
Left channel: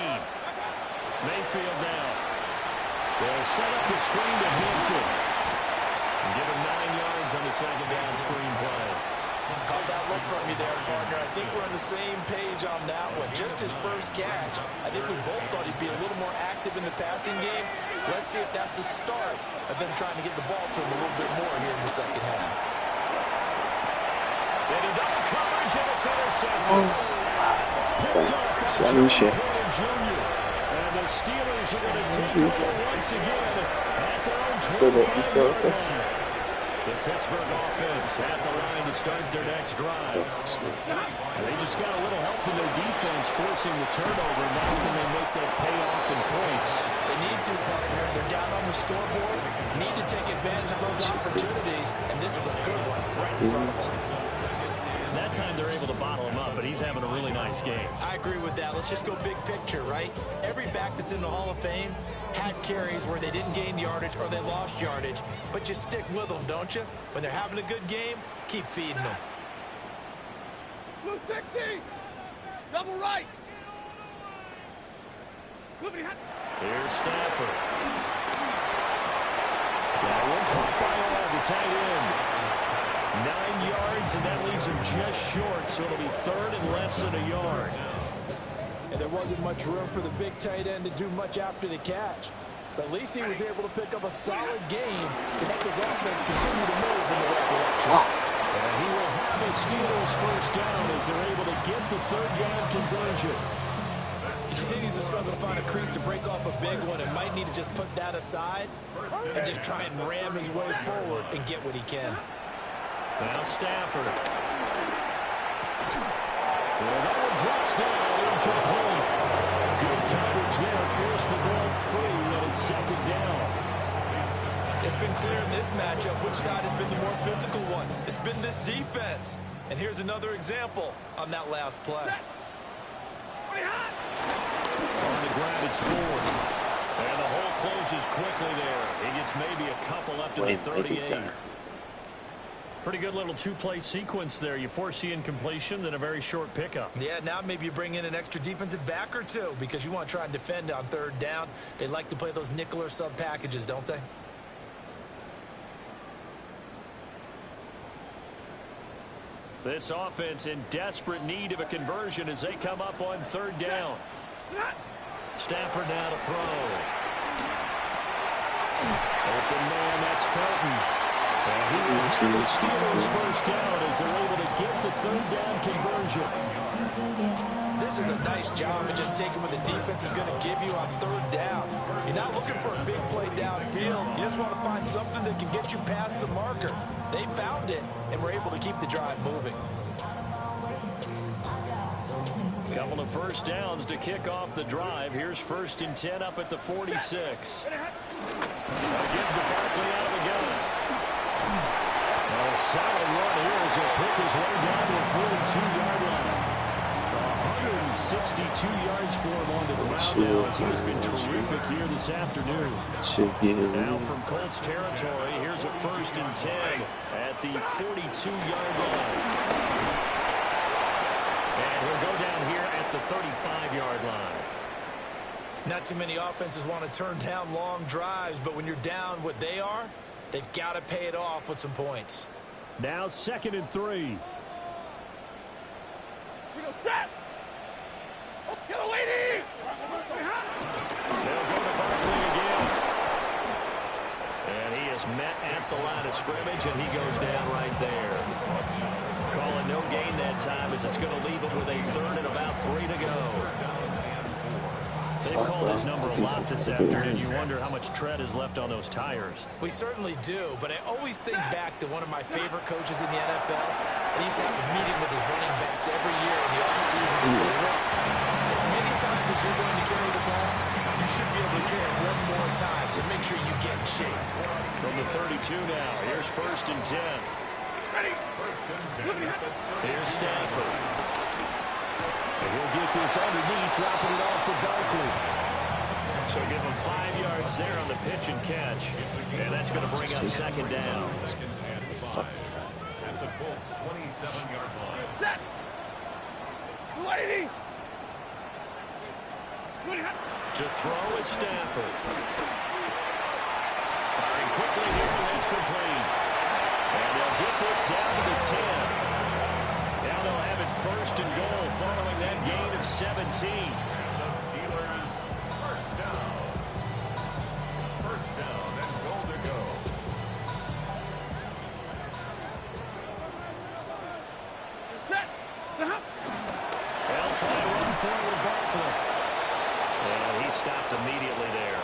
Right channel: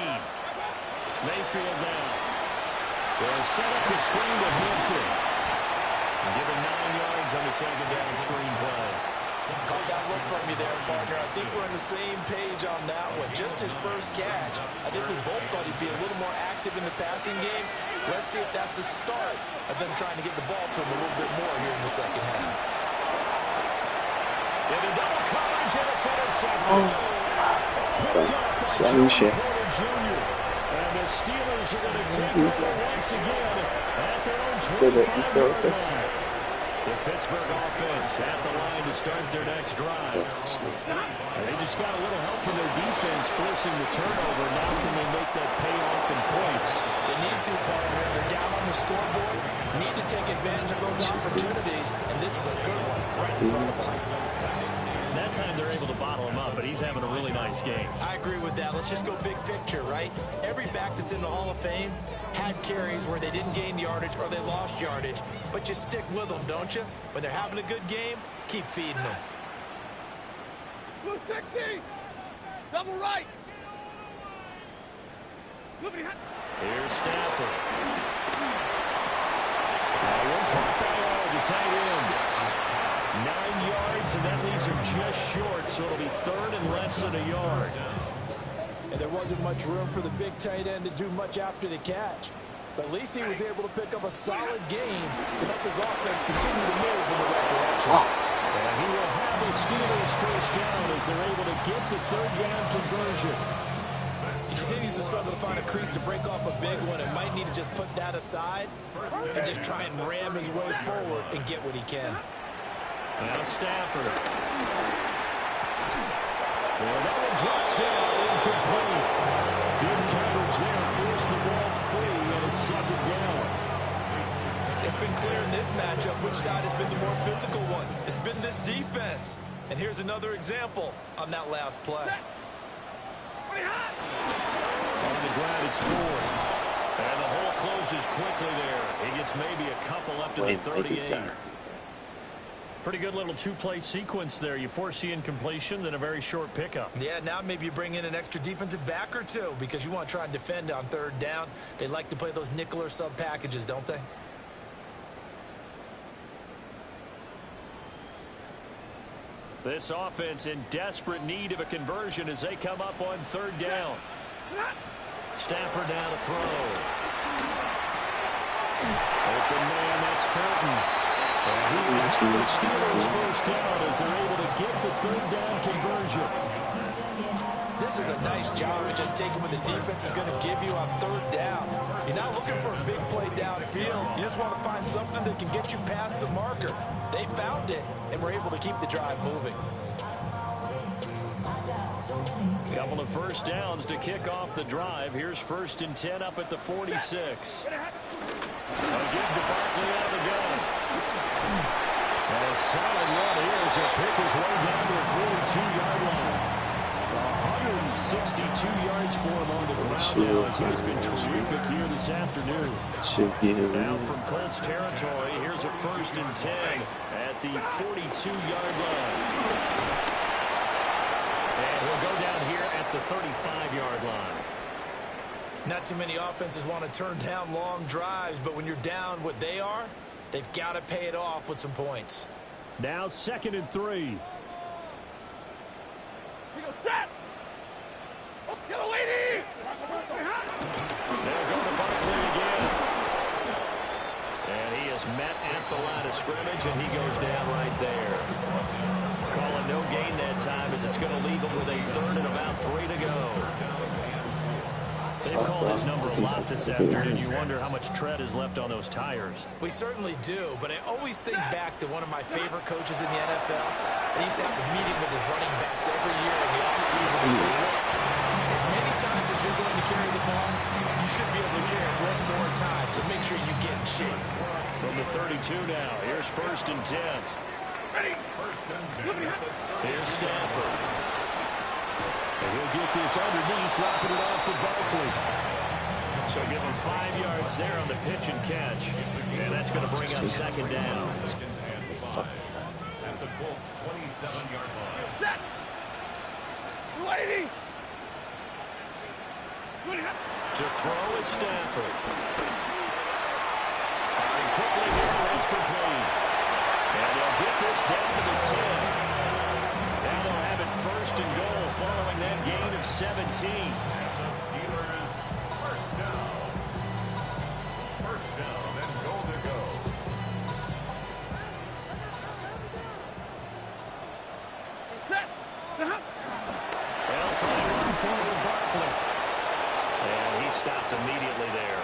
Mayfield now. They'll set up the screen to Hampton. And give him 9 yards on the second down screen play. Caught that look from you there, partner. I think we're on the same page on that one. Just his first catch. I think we both thought he'd be a little more active in the passing game. Let's see if that's the start of them trying to get the ball to him a little bit more here in the second half. Into double coverage, and it's intercepted. Picked up by Solution. Porter Jr. And the Steelers are going to take over once again at their own 25-yard line. The Pittsburgh offense at the line to start their next drive. And they just got a little help from their defense forcing the turnover. Now can they make that pay off in points? They need to, partner. They're down on the scoreboard. Need to take advantage of those opportunities. And this is a good one right in front of them. That time they're able to bottle him up, but he's having a really nice game. I agree with that. Let's just go big picture, right? Every back that's in the Hall of Fame had carries where they didn't gain yardage or they lost yardage. But you stick with them, don't you? When they're having a good game, keep feeding them. Blue 60. Double right. Here's Stafford. That one caught by all, the tight end. 9 yards, and that leaves him just short, so it'll be 3rd and less than a yard. And there wasn't much room for the big tight end to do much after the catch. But at least he was able to pick up a solid game to help his offense continue to move in the right direction. And he will have a Steelers first down as they're able to get the 3rd down conversion. He continues to struggle to find a crease to break off a big one and might need to just put that aside and just try and ram his way forward and get what he can. Now Stafford. Well, that one drops down, incomplete. Good coverage there, forced the ball free, and it's 2nd down. It's been clear in this matchup which side has been the more physical one. It's been this defense. And here's another example on that last play. On the ground, it's Ford. And the hole closes quickly there. He gets maybe a couple up to the 38. Pretty good little two-play sequence there. You force the incompletion, then a very short pickup. Yeah, now maybe you bring in an extra defensive back or two because you want to try and defend on 3rd down. They like to play those nickel or sub packages, don't they? This offense in desperate need of a conversion as they come up on 3rd down. Stafford now to throw. Open man, that's Felton. And he will have the Steelers first down as they're able to get the 3rd down conversion. This is a nice job of just taking what the defense is going to give you on 3rd down. You're not looking for a big play downfield. You just want to find something that can get you past the marker. They found it and were able to keep the drive moving. Couple of first downs to kick off the drive. Here's 1st and 10 up at the 46. A give to Barkley out of the gun. A solid run here as he'll pick his way down to the 42-yard line. 162 yards for him on the ground now as he has been terrific here this afternoon. Now from Colts territory, here's a 1st and 10 at the 42-yard line. And he'll go down here at the 35-yard line. Not too many offenses want to turn down long drives, but when you're down what they are, they've got to pay it off with some points. Now 2nd and 3. We go set. They'll go to Barkley again. And he is met at the line of scrimmage, and he goes down right there. Calling no gain that time as it's going to leave him with a 3rd and about 3 to go. They've called his number a lot this afternoon. You wonder how much tread is left on those tires. We certainly do, but I always think back to one of my favorite coaches in the NFL. And he used to have a meeting with his running backs every year in the offseason and say, look, as many times as you're going to carry the ball, you should be able to carry it one more time, so make sure you get in shape. From the 32 now, here's 1st and 10. Ready? 1st and 10. Here's Stafford. And he'll get this underneath, dropping it off for Barkley. So give him 5 yards there on the pitch and catch. And that's going to bring up 2nd down. At the Colts' 27-yard line. Set. Lady. To throw is Stafford. Firing quickly here, and that's complete. And they'll get this down to the 10. Now they'll have it 1st and goal following that gain of 17. And the Steelers, 1st down. 1st down and goal to go. Set. Stop. They'll try to run forward Barkley. And he stopped immediately there.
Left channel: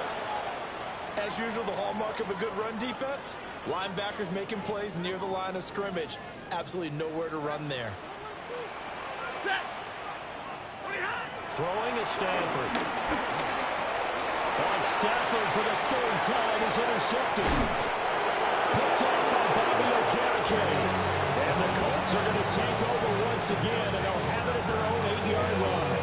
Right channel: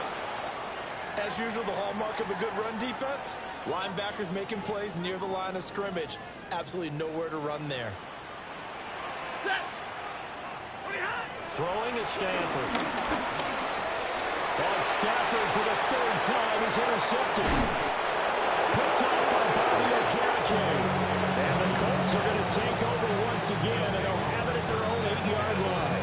As usual, the hallmark of a good run defense, linebackers making plays near the line of scrimmage. Absolutely nowhere to run there. Set. Throwing is Stafford. On Stafford for the 3rd time is intercepted. Picked off by Bobby Okereke. And the Colts are going to take over once again, and they'll have it at their own 8-yard line.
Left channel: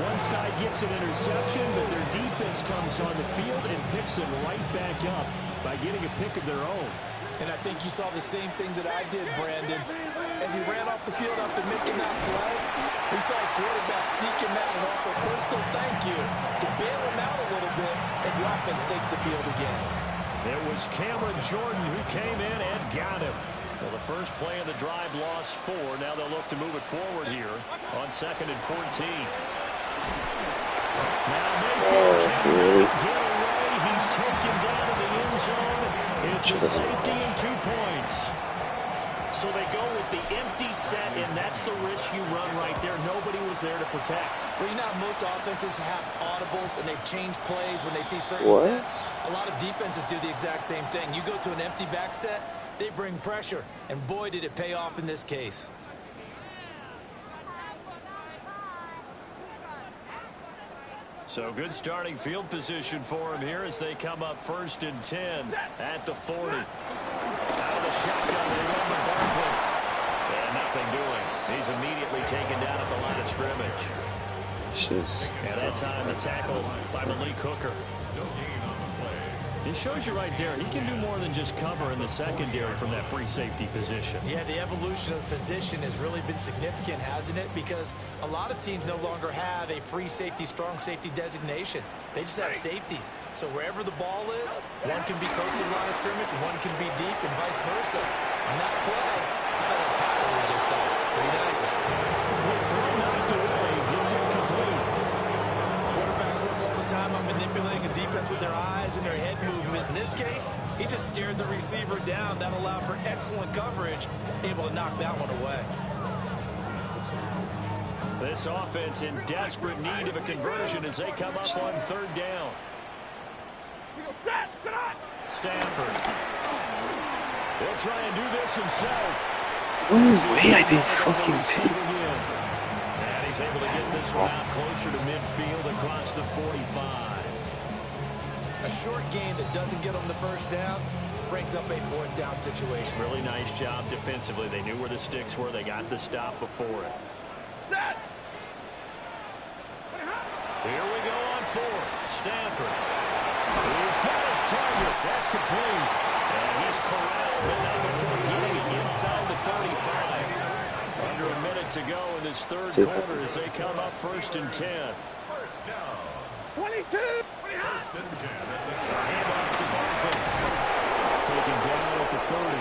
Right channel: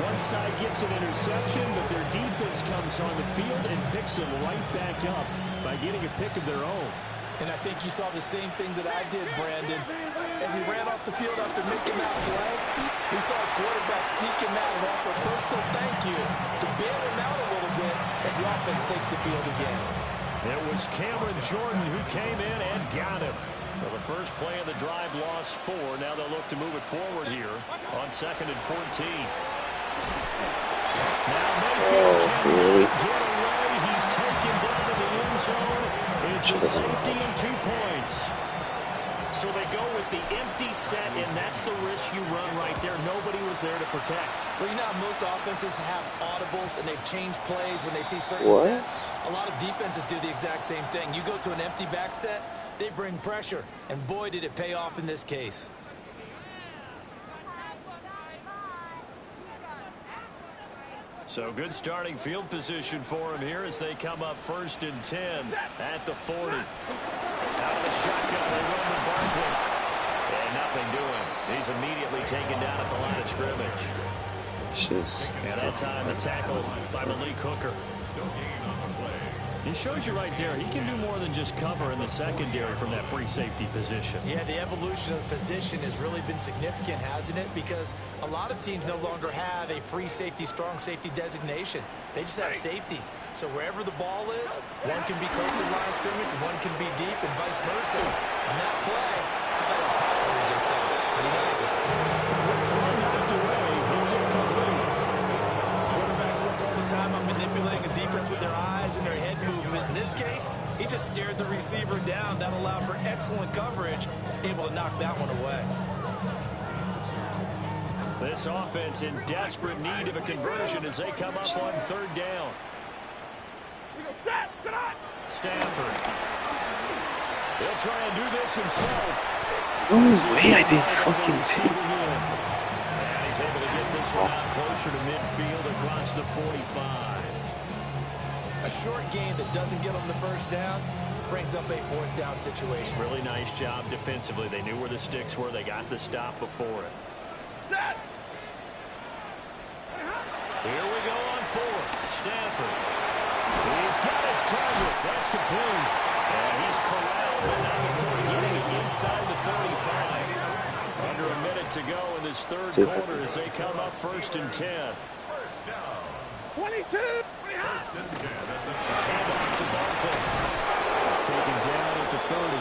One side gets an interception, but their defense comes on the field and picks them right back up by getting a pick of their own. And I think you saw the same thing that I did, Brandon. As he ran off the field after making that play, he saw his quarterback seek him out and offer a personal thank you to bail him out a little bit as the offense takes the field again. It was Cameron Jordan who came in and got him. Well, the first play of the drive lost 4. Now they'll look to move it forward here on 2nd and 14. Now Mayfield cannot get away. He's taken down to the end zone. It's a safety and 2 points. So they go with the empty set, and that's the risk you run right there. Nobody was there to protect. Well, you know how most offenses have audibles and they've changed plays when they see certain sets? A lot of defenses do the exact same thing. You go to an empty back set, they bring pressure, and boy, did it pay off in this case. So good starting field position for him here as they come up 1st and 10 at the 40. Out of the shotgun, they run with Barkley. And nothing doing. He's immediately taken down at the line of scrimmage. And that time the tackle by Malik Hooker. No gain on the play. It shows you right there, he can do more than just cover in the secondary from that free safety position. Yeah, the evolution of the position has really been significant, hasn't it? Because a lot of teams no longer have a free safety, strong safety designation. They just have safeties. So wherever the ball is, one can be close to the line of scrimmage, one can be deep, and vice versa. On that play, how about that tackle we just saw? Pretty nice. Throw knocked away, it's incomplete. Quarterbacks work all the time on manipulating a defense with their eyes and their head movement. In this case, he just stared the receiver down. That allowed for excellent coverage, able to knock that one away. This offense in desperate need of a conversion as they come up on 3rd down. Stafford. He'll try and do this himself. No way, I didn't fucking pick. And he's able to get this one out closer to midfield across the 45. A short game that doesn't get them the 1st down brings up a 4th down situation. Really nice job defensively. They knew where the sticks were. They got the stop before it. Here we go on 4th. Stafford. He's got his target. That's complete. And he's corralled, but not before getting it inside the 35. Under a minute to go in this 3rd quarter as they come up 1st and 10. 1st down. 22. 1st and 10 at the Handoff to Barkley. Taken down at the 30.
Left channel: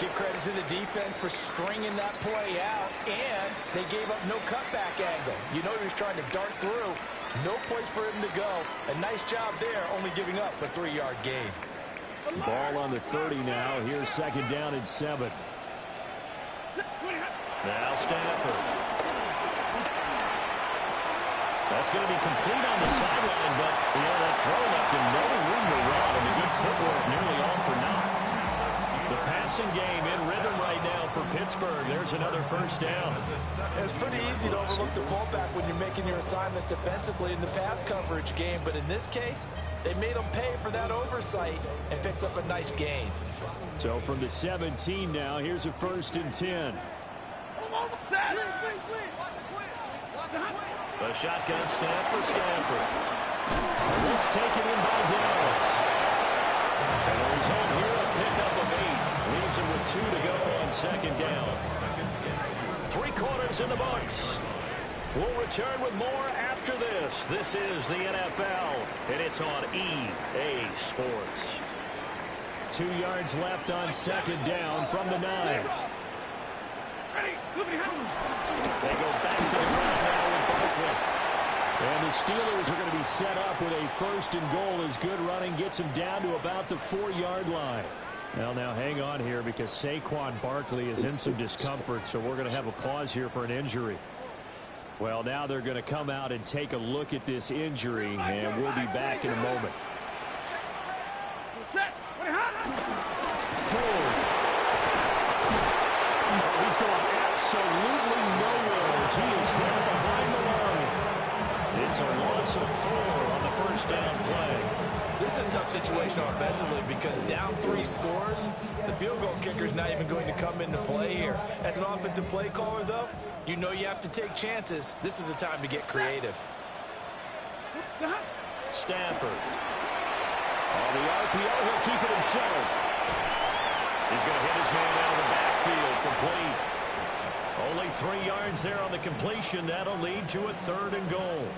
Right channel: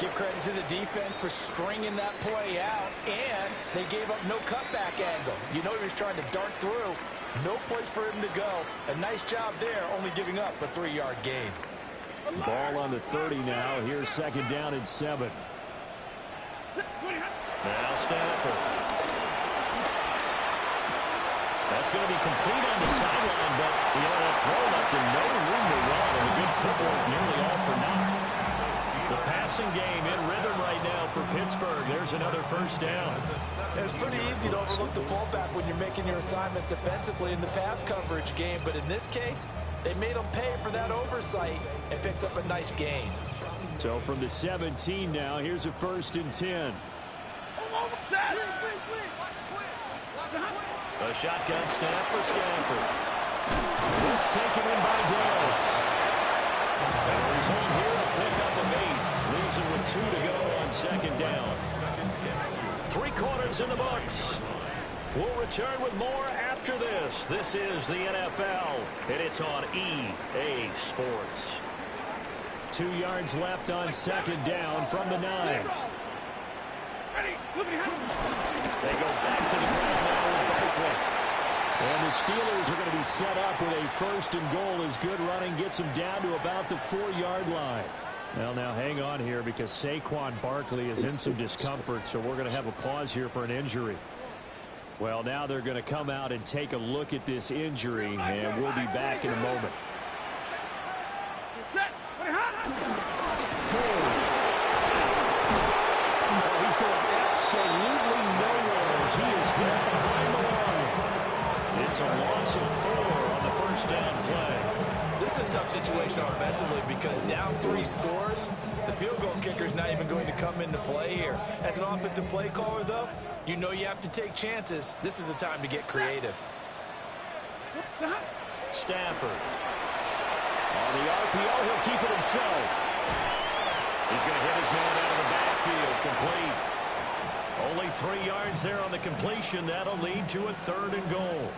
Give credit to the defense for stringing that play out, and they gave up no cutback angle. You know he was trying to dart through. No place for him to go. A nice job there, only giving up a 3-yard gain. Ball on the 30 now. Here's second down and 7. Now Stafford. That's going to be complete on the sideline, but that throw left him no room to run, and the good footwork nearly all for naught. The passing game in rhythm right now for Pittsburgh. There's another first down. It's pretty easy to overlook the fullback when you're making your assignments defensively in the pass coverage game, but in this case, they made him pay for that oversight and picks up a nice gain. So from the 17 now, here's a 1st and 10. A shotgun snap for Stafford. This taken in by Downs. And the result here, a pickup of 8. Leaves him with 2 to go on second down. 3 quarters in the books. We'll return with more after this. This is the NFL, and it's on EA Sports. 2 yards left on second down from the 9. They go back to the ground now with Barkley. And the Steelers are going to be set up with a 1st and goal as good running gets them down to about the 4-yard line. Well, now hang on here because Saquon Barkley is in some discomfort, so we're going to have a pause here for an injury. Well, now they're going to come out and take a look at this injury, and we'll be back in a moment. Forward. Oh, he's going absolutely nowhere as he is hit behind the line. It's a loss of 4 on the first down play. This is a tough situation offensively because down 3 scores, the field goal kicker's not even going to come into play here. As an offensive play caller, though, you know you have to take chances. This is a time to get creative. Stafford. On the RPO, he'll keep it himself. He's going to hit his man out of the backfield, complete. Only 3 yards there on the completion. That'll lead to a 3rd and goal.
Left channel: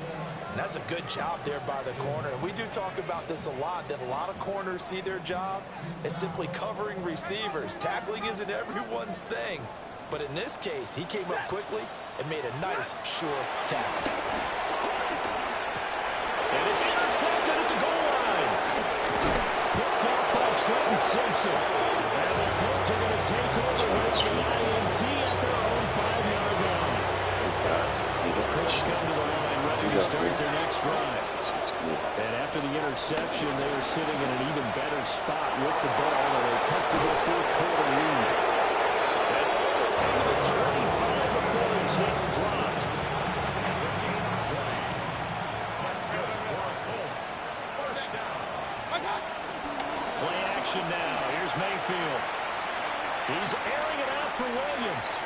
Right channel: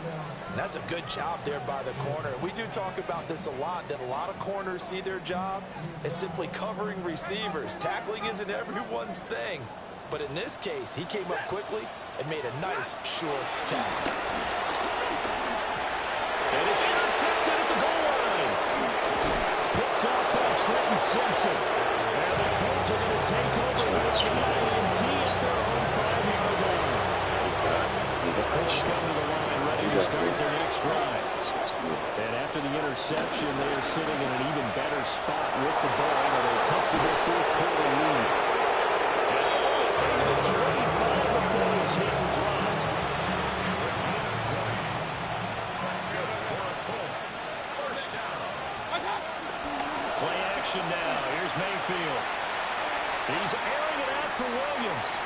And that's a good job there by the corner. We do talk about this a lot, that a lot of corners see their job as simply covering receivers. Tackling isn't everyone's thing. But in this case, he came up quickly and made a nice, sure tackle. And it's intercepted at the goal line. Picked off by Trenton Simpson. And the Colts are going to take over with the INT at their own 5-yard line. The Colts come to the line ready to start their next drive. And after the interception, they are sitting in an even better spot with the ball and a comfortable 4th quarter lead. And into the 25 before it's hit and dropped. It's a gain of 20. That's good for a Colts. First down. Play action now. Here's Mayfield. He's airing it out for Williams.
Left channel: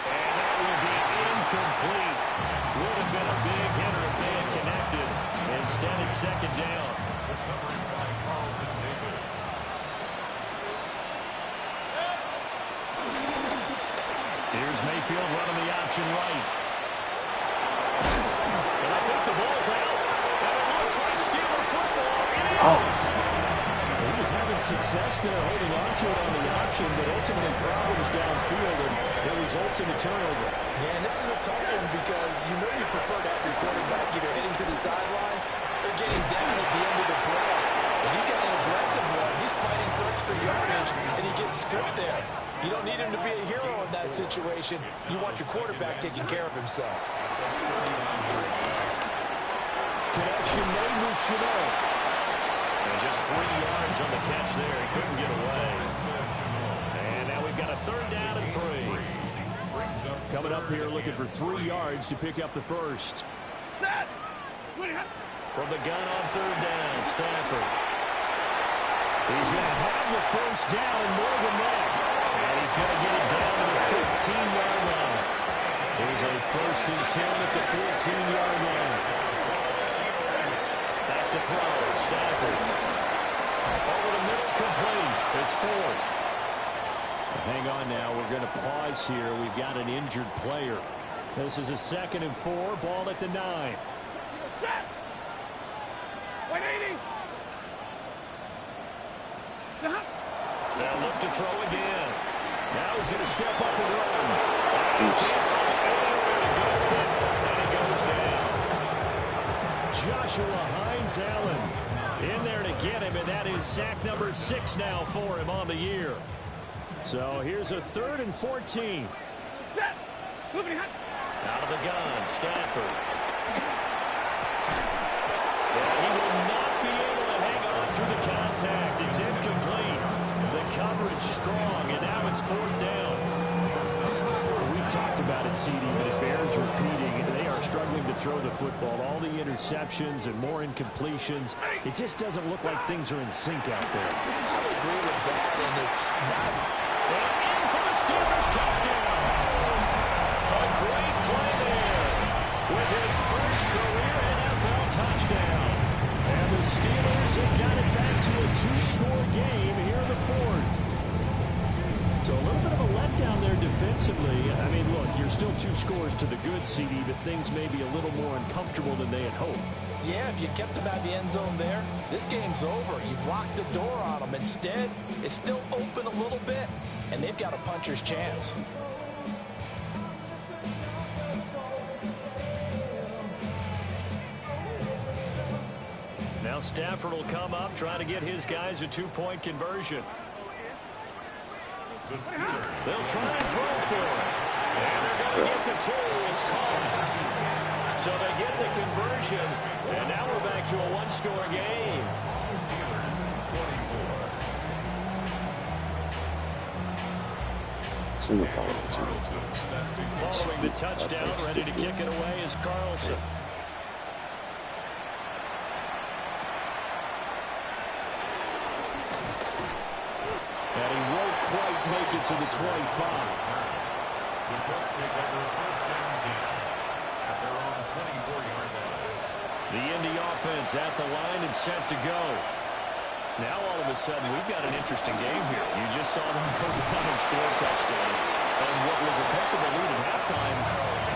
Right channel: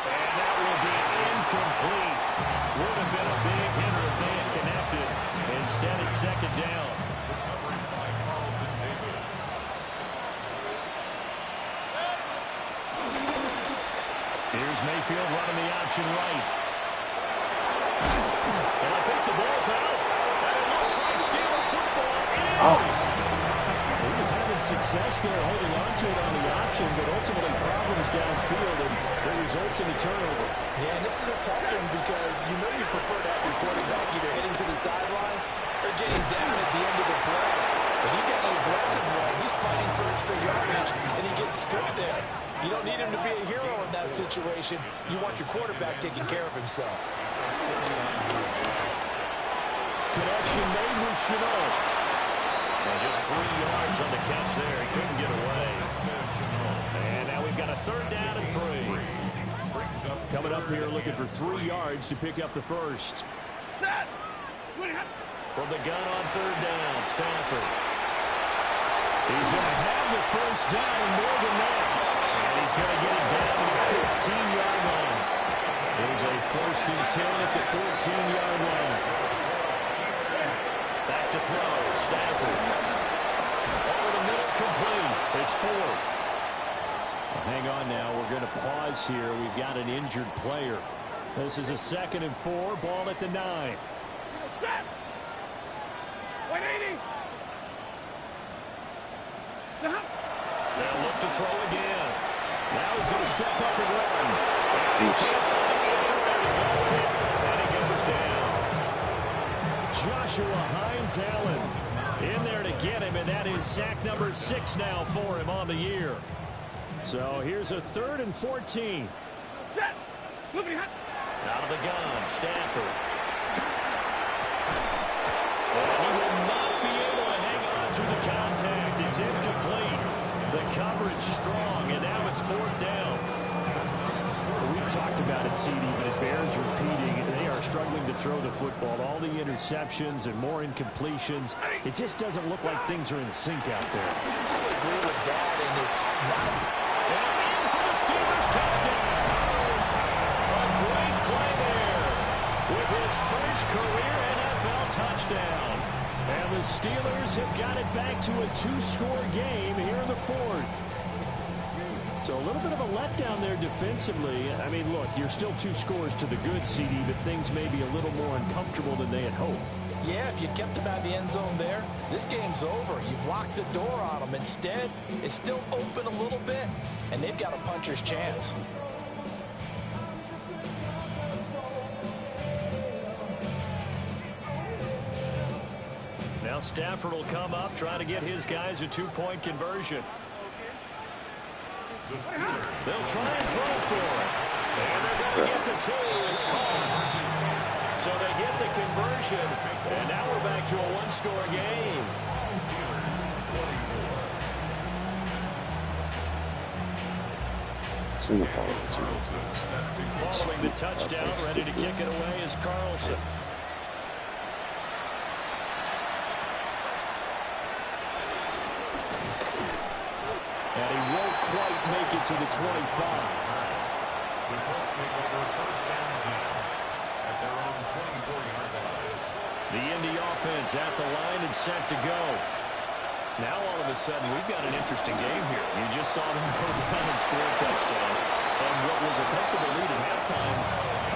And that will be incomplete. Would have been a big hitter if they had connected. Instead, it's second down. The coverage by Carlton Davis. Here's Mayfield running the option right. And I think the ball's out. And it looks like Steeler football. It is. He was having success there holding on to it on the option, but ultimately problems downfield, and it results in the turnover. Yeah, and this is a tough one because you know you prefer to have your quarterback either heading to the sidelines or getting down at the end of the play. But he got an aggressive one. He's fighting for extra yardage, and he gets stripped there. You don't need him to be a hero in that situation. You want your quarterback taking care of himself. Connection made with Chenault. And just 3 yards on the catch there. He couldn't get away. And now we've got a 3rd down and 3. Coming up here looking for 3 yards to pick up the first. From the gun on 3rd down, Stafford. He's going to have the first down and more than that. And he's going to get it down to the 15-yard line. There's a 1st and 10 at the 14-yard line. Back to throw, Stafford. Over the middle, complete. It's 4. Well, hang on now. We're going to pause here. We've got an injured player. This is a 2nd and 4. Ball at the 9. 180. They'll look to throw again. Now he's going to step up and run. And he can't find anywhere to go with it, and he goes down. Joshua Hines-Allen in there to get him, and that is sack number 6 now for him on the year. So here's a 3rd and 14. Set. Out of the gun, Stafford. And he will not be able to hang on through the contact. It's incomplete. The coverage strong, and now it's 4th down. We've talked about it, CD, but it bears repeating. They are struggling to throw the football. All the interceptions and more incompletions. It just doesn't look like things are in sync out there. I would agree with that, and it's not. And in for the Steelers touchdown. A great play there with his first career NFL touchdown. And the Steelers have got it back to a 2-score game here in the 4th. So a little bit of a letdown there defensively. I mean, look, you're still 2 scores to the good, CD, but things may be a little more uncomfortable than they had hoped. Yeah, if you kept him out of the end zone there, this game's over. You've locked the door on them. Instead, it's still open a little bit, and they've got a puncher's chance. Now Stafford will come up, trying to get his guys a 2-point conversion. They'll try and throw for it. And they're going to get the 2. It's called. So they get the conversion, and now we're back to a 1-score game. It's in the ball. It's in the Following the touchdown, ready to kick it away is Carlson. And he won't quite make it to the 25. The Colts take over 1st and 10 at their own 24-yard line. The Indy offense at the line and set to go. Now all of a sudden we've got an interesting game here. You just saw them go down and score a touchdown. And what was a comfortable lead at halftime,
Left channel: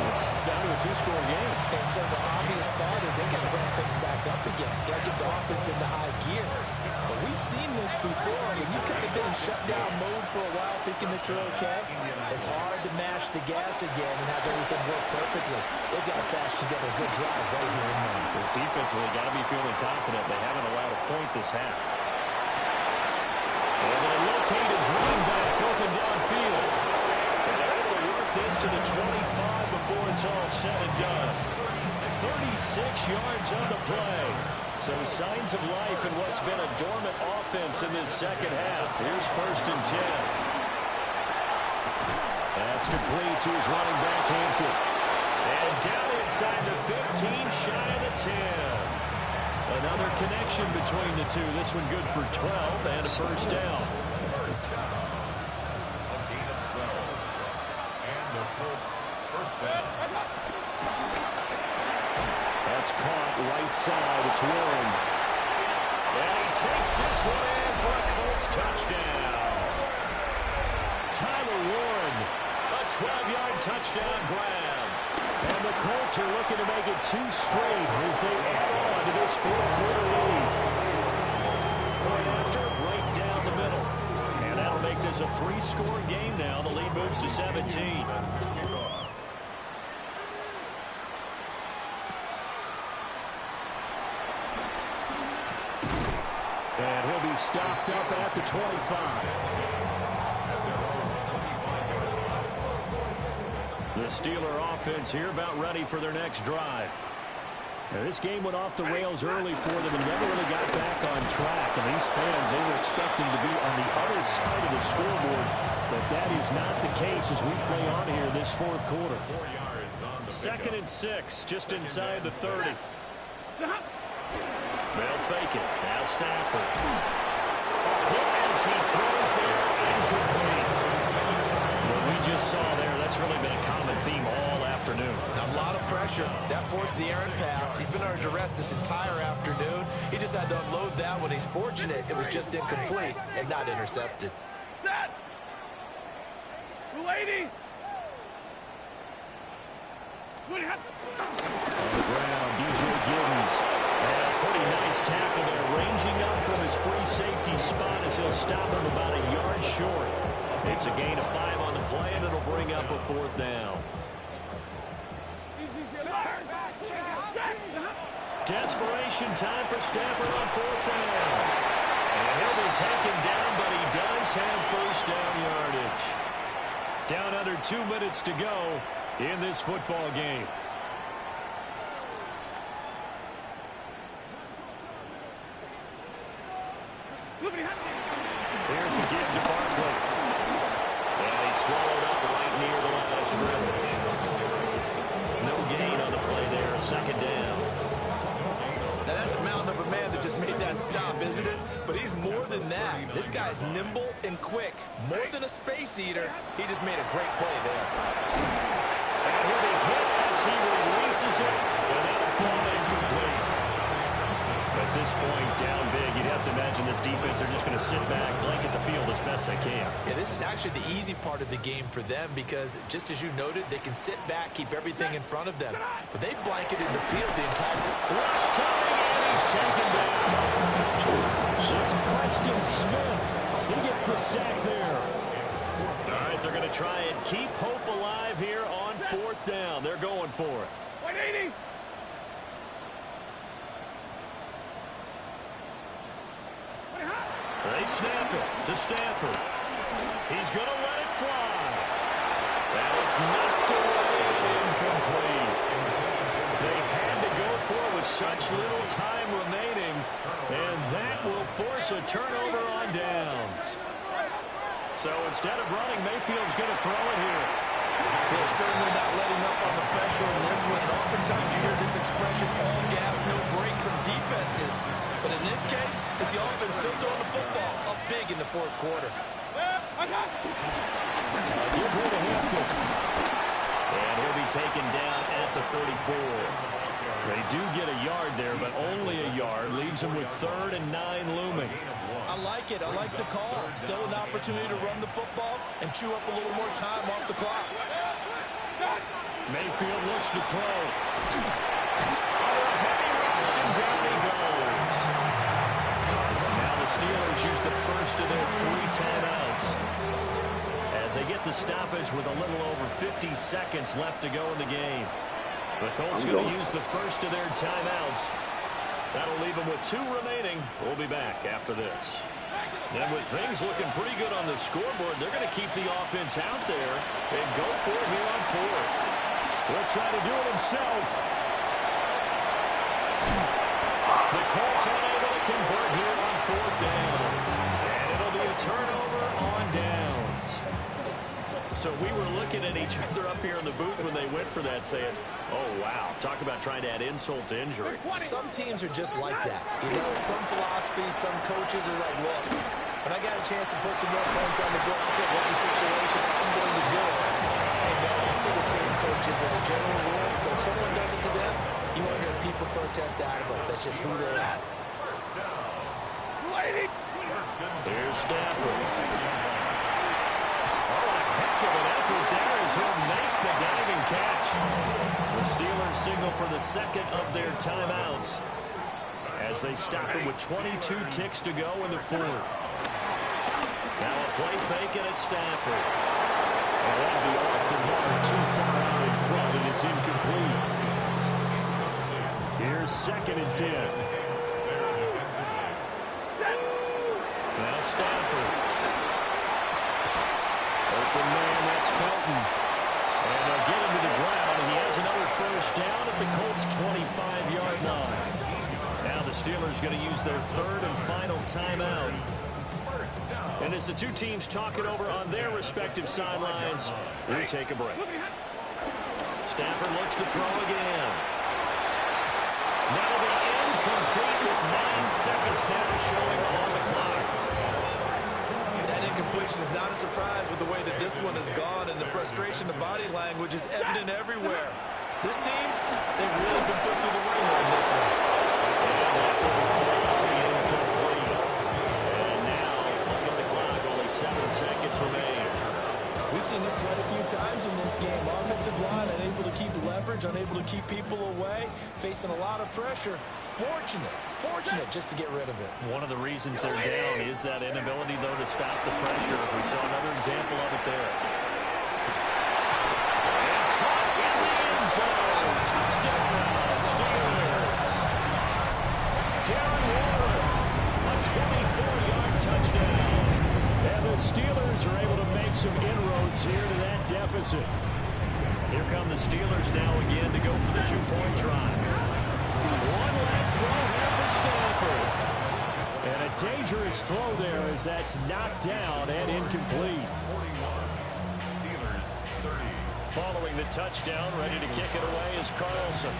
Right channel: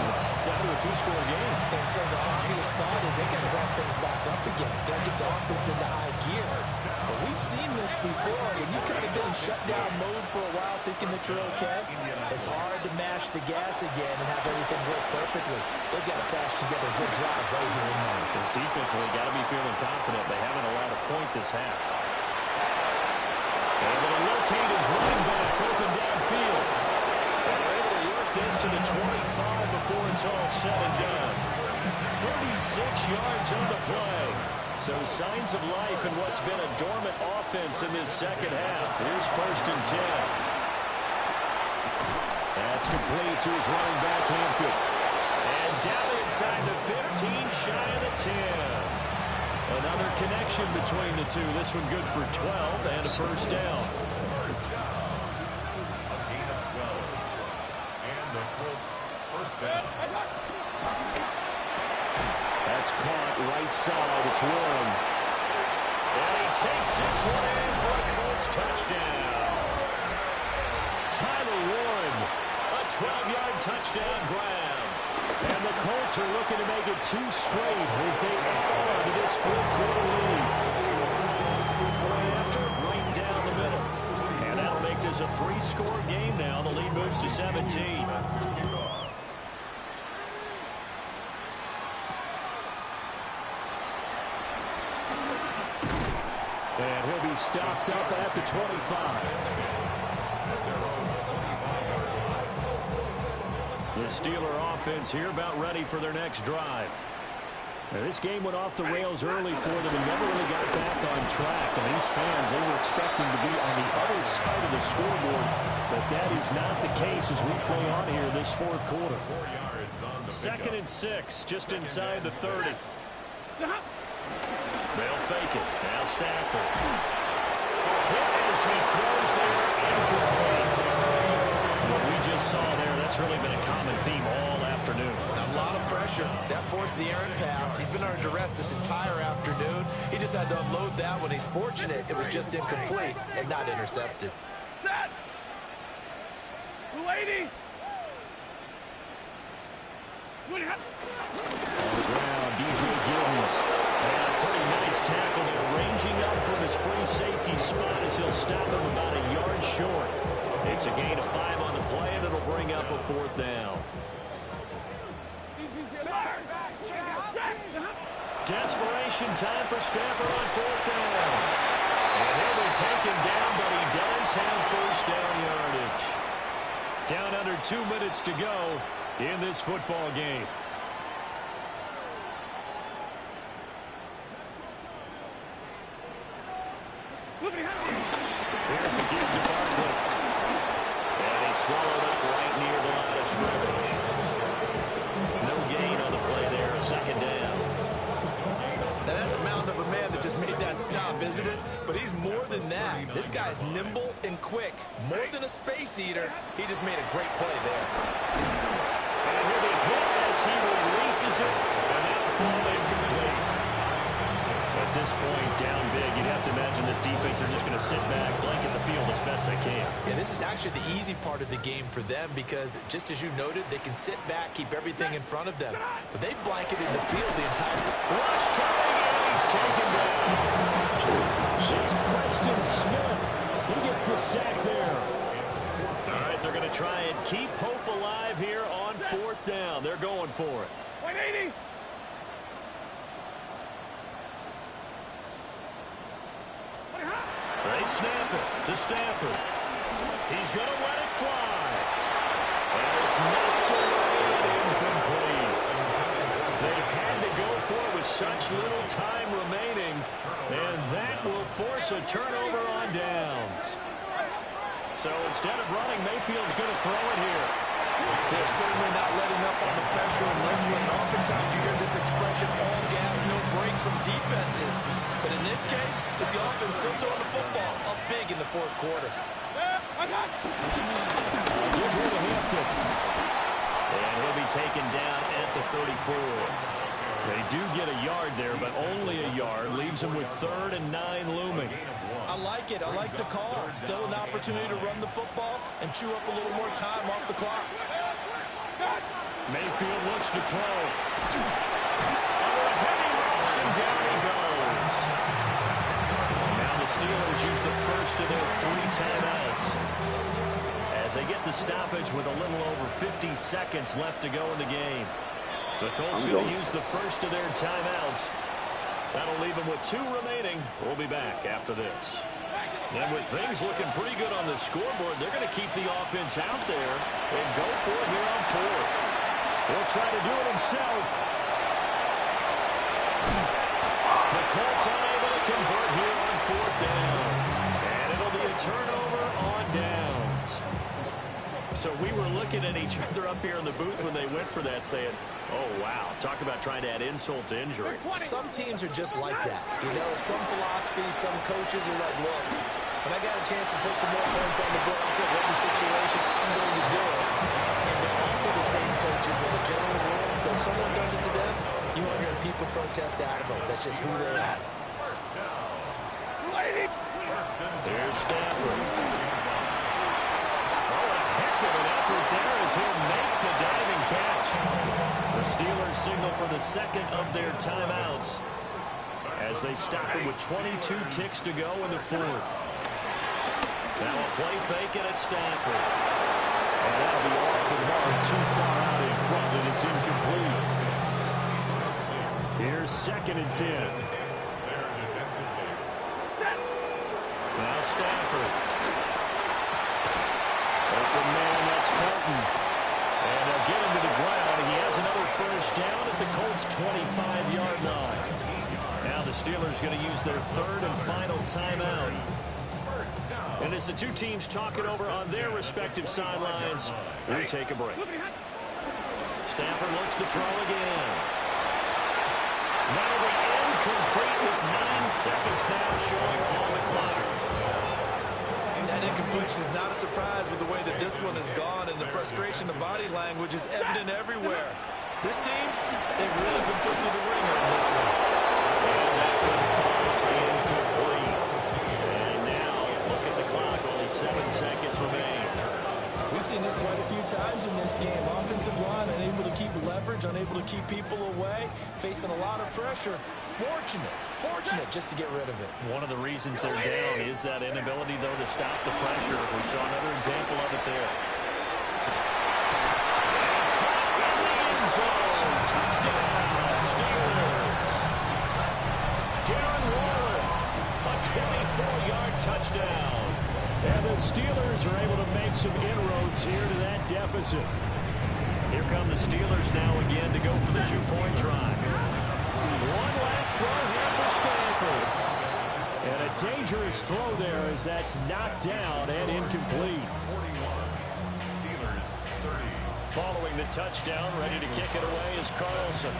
it's down to a 2-score game. And so the obvious thought is they got to ramp things back up again. Got to get the offense into high gear. But we've seen this before. When you've kind of been in shutdown mode for a while thinking that you're okay, it's hard to mash the gas again and have everything work perfectly. They've got to patch together a good drive right here and now. Because defensively, got to be feeling confident. They haven't allowed a point this half. Able to locate his running back open downfield. And they're able to work this to the 25 before it's all said and done. 36 yards on the play. So signs of life in what's been a dormant offense in this second half. Here's 1st and 10. That's complete to his running back, Hampton. And down inside the 15, shy of the 10. Another connection between the two. This one good for 12 and a 1st down. A gain of 12. And the Colts 1st down. That's caught right side. It's Warren. And he takes this one in for a Colts touchdown. Tyler Warren, a 12-yard touchdown grab. And the Colts are looking to make it 2 straight as they add on to this 4th quarter lead. Right after, right down the middle. And that'll make this a 3-score game now. The lead moves to 17. And he'll be stopped up at the 25. The Steeler offense here about ready for their next drive. Now, this game went off the rails early for them and never really got back on track. And these fans, they were expecting to be on the other side of the scoreboard. But that is not the case as we play on here this 4th quarter. 4 yards on the 2nd and 6, just inside the 30. They'll fake it. Now Stafford. A hit as he throws there, incomplete. What we just saw there, that's really been a common theme all afternoon. A lot of pressure. That forced the errant pass. He's been under duress this entire afternoon. He just had to unload that one. He's fortunate it was just incomplete and not intercepted. Set. 280. On the ground, DJ Giddens. And a pretty nice tackle there, ranging up from his free safety spot as he'll stop him about a yard short. It's a gain of 5 on the play, and it'll bring up a 4th down. Desperation time for Stafford on 4th down. And he'll be taken down, but he does have first down yardage. Down under 2 minutes to go in this football game. Here's a give to Barkley. And he's swallowed up right near the line of scrimmage. No gain on the play there, a 2nd down. Now that's a mountain of a man that just made that stop, isn't it? But he's more than that. This guy's nimble and quick. More than a space eater. He just made a great play there. And he'll be hit as he releases it, and that'll fall incomplete. At this point, down big, you'd have to imagine this defense are just going to sit back, blanket the field as best they can. Yeah, this is actually the easy part of the game for them because, just as you noted, they can sit back, keep everything in front of them. But they blanketed the field the entire... Rush coming, and he's taken down. It's Preston Smith. He gets the sack there. All right, they're going to try and keep hope alive here on 4th down. They're going for it. 180. They snap it to Stafford. He's going to let it fly. And it's knocked away and incomplete. They had to go for it with such little time remaining, and that will force a turnover on downs. So instead of running, Mayfield's going to throw it here. They're certainly not letting up on the pressure in this one. And oftentimes you hear this expression, all gas, no break from defenses. But in this case, it's the offense still throwing the football up big in the 4th quarter. Give her to Hampton. And he'll be taken down at the 34. They do get a yard there, but only a yard. Leaves them with 3rd and 9 looming. I like it. I like the call. Still an opportunity to run the football and chew up a little more time off the clock. Mayfield looks to throw. Under a heavy rush, and down he goes. Now the Steelers use the first of their 3 timeouts as they get the stoppage with a little over 50 seconds left to go in the game. The Colts going to use the first of their timeouts. That'll leave them with 2 remaining. We'll be back after this. And with things looking pretty good on the scoreboard, they're going to keep the offense out there and go for it here on 4th. He'll try to do it himself. The Colts unable to convert here on 4th down. And it'll be a turnover on downs. So we were looking at each other up here in the booth when they went for that, saying, oh, wow, talk about trying to add insult to injury. Some teams are just like that. You know, some philosophies, some coaches are like, look, when I got a chance to put some more points on the board, I don't care what the situation, I'm going to do it. And they're also the same coaches as a general rule. If someone does it to them, you won't hear people protest out of them. That's just who they are. Here's Stafford. Oh, what a heck of an effort there as he'll make the diving catch. The Steelers signal for the 2nd of their timeouts as they stop him with 22 ticks to go in the 4th. Now a play fake, and it's Stafford. And that'll be off the mark, too far out in front, and it's incomplete. Here's 2nd and 10. Now Stafford. Open man, that's Felton. And they'll get him to the ground. He has another first down at the Colts' 25-yard line. Now the Steelers going to use their 3rd and final timeout. And as the 2 teams talk it over on their respective sidelines, we take a break. Stafford looks to throw again. That'll be incomplete with 9 seconds now showing on the clock. That incompletion is not a surprise with the way that this one has gone, and the frustration, the body language is evident everywhere. This team, they've really been put through the ringer in this one. And that one falls incomplete. And now, look at the clock, only 7 seconds remain. We've seen this quite a few times in this game. Offensive line unable to keep leverage, unable to keep people away, facing a lot of pressure. Fortunate just to get rid of it. One of the reasons they're down is that inability, though, to stop the pressure. We saw another example of it there. And caught in the end zone. Touchdown, Steelers. Darren Waller, a 24-yard touchdown. And the Steelers are able to make some inroads here to that deficit. Here come the Steelers now again to go for the two-point try. One last throw here for Stanford. And a dangerous throw there as that's knocked down and incomplete. 41. Steelers 30. Following the touchdown, ready to kick it away is Carlson.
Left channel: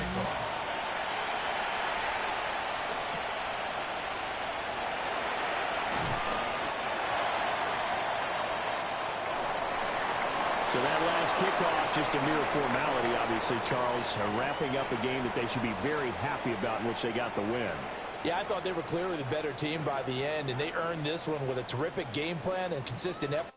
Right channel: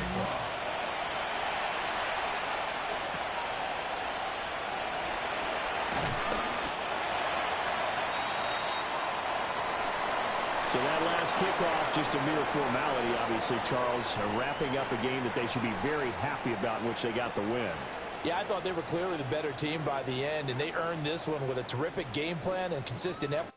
So that last kickoff, just a mere formality, obviously, Charles, wrapping up a game that they should be very happy about in which they got the win. Yeah, I thought they were clearly the better team by the end, and they earned this one with a terrific game plan and consistent effort.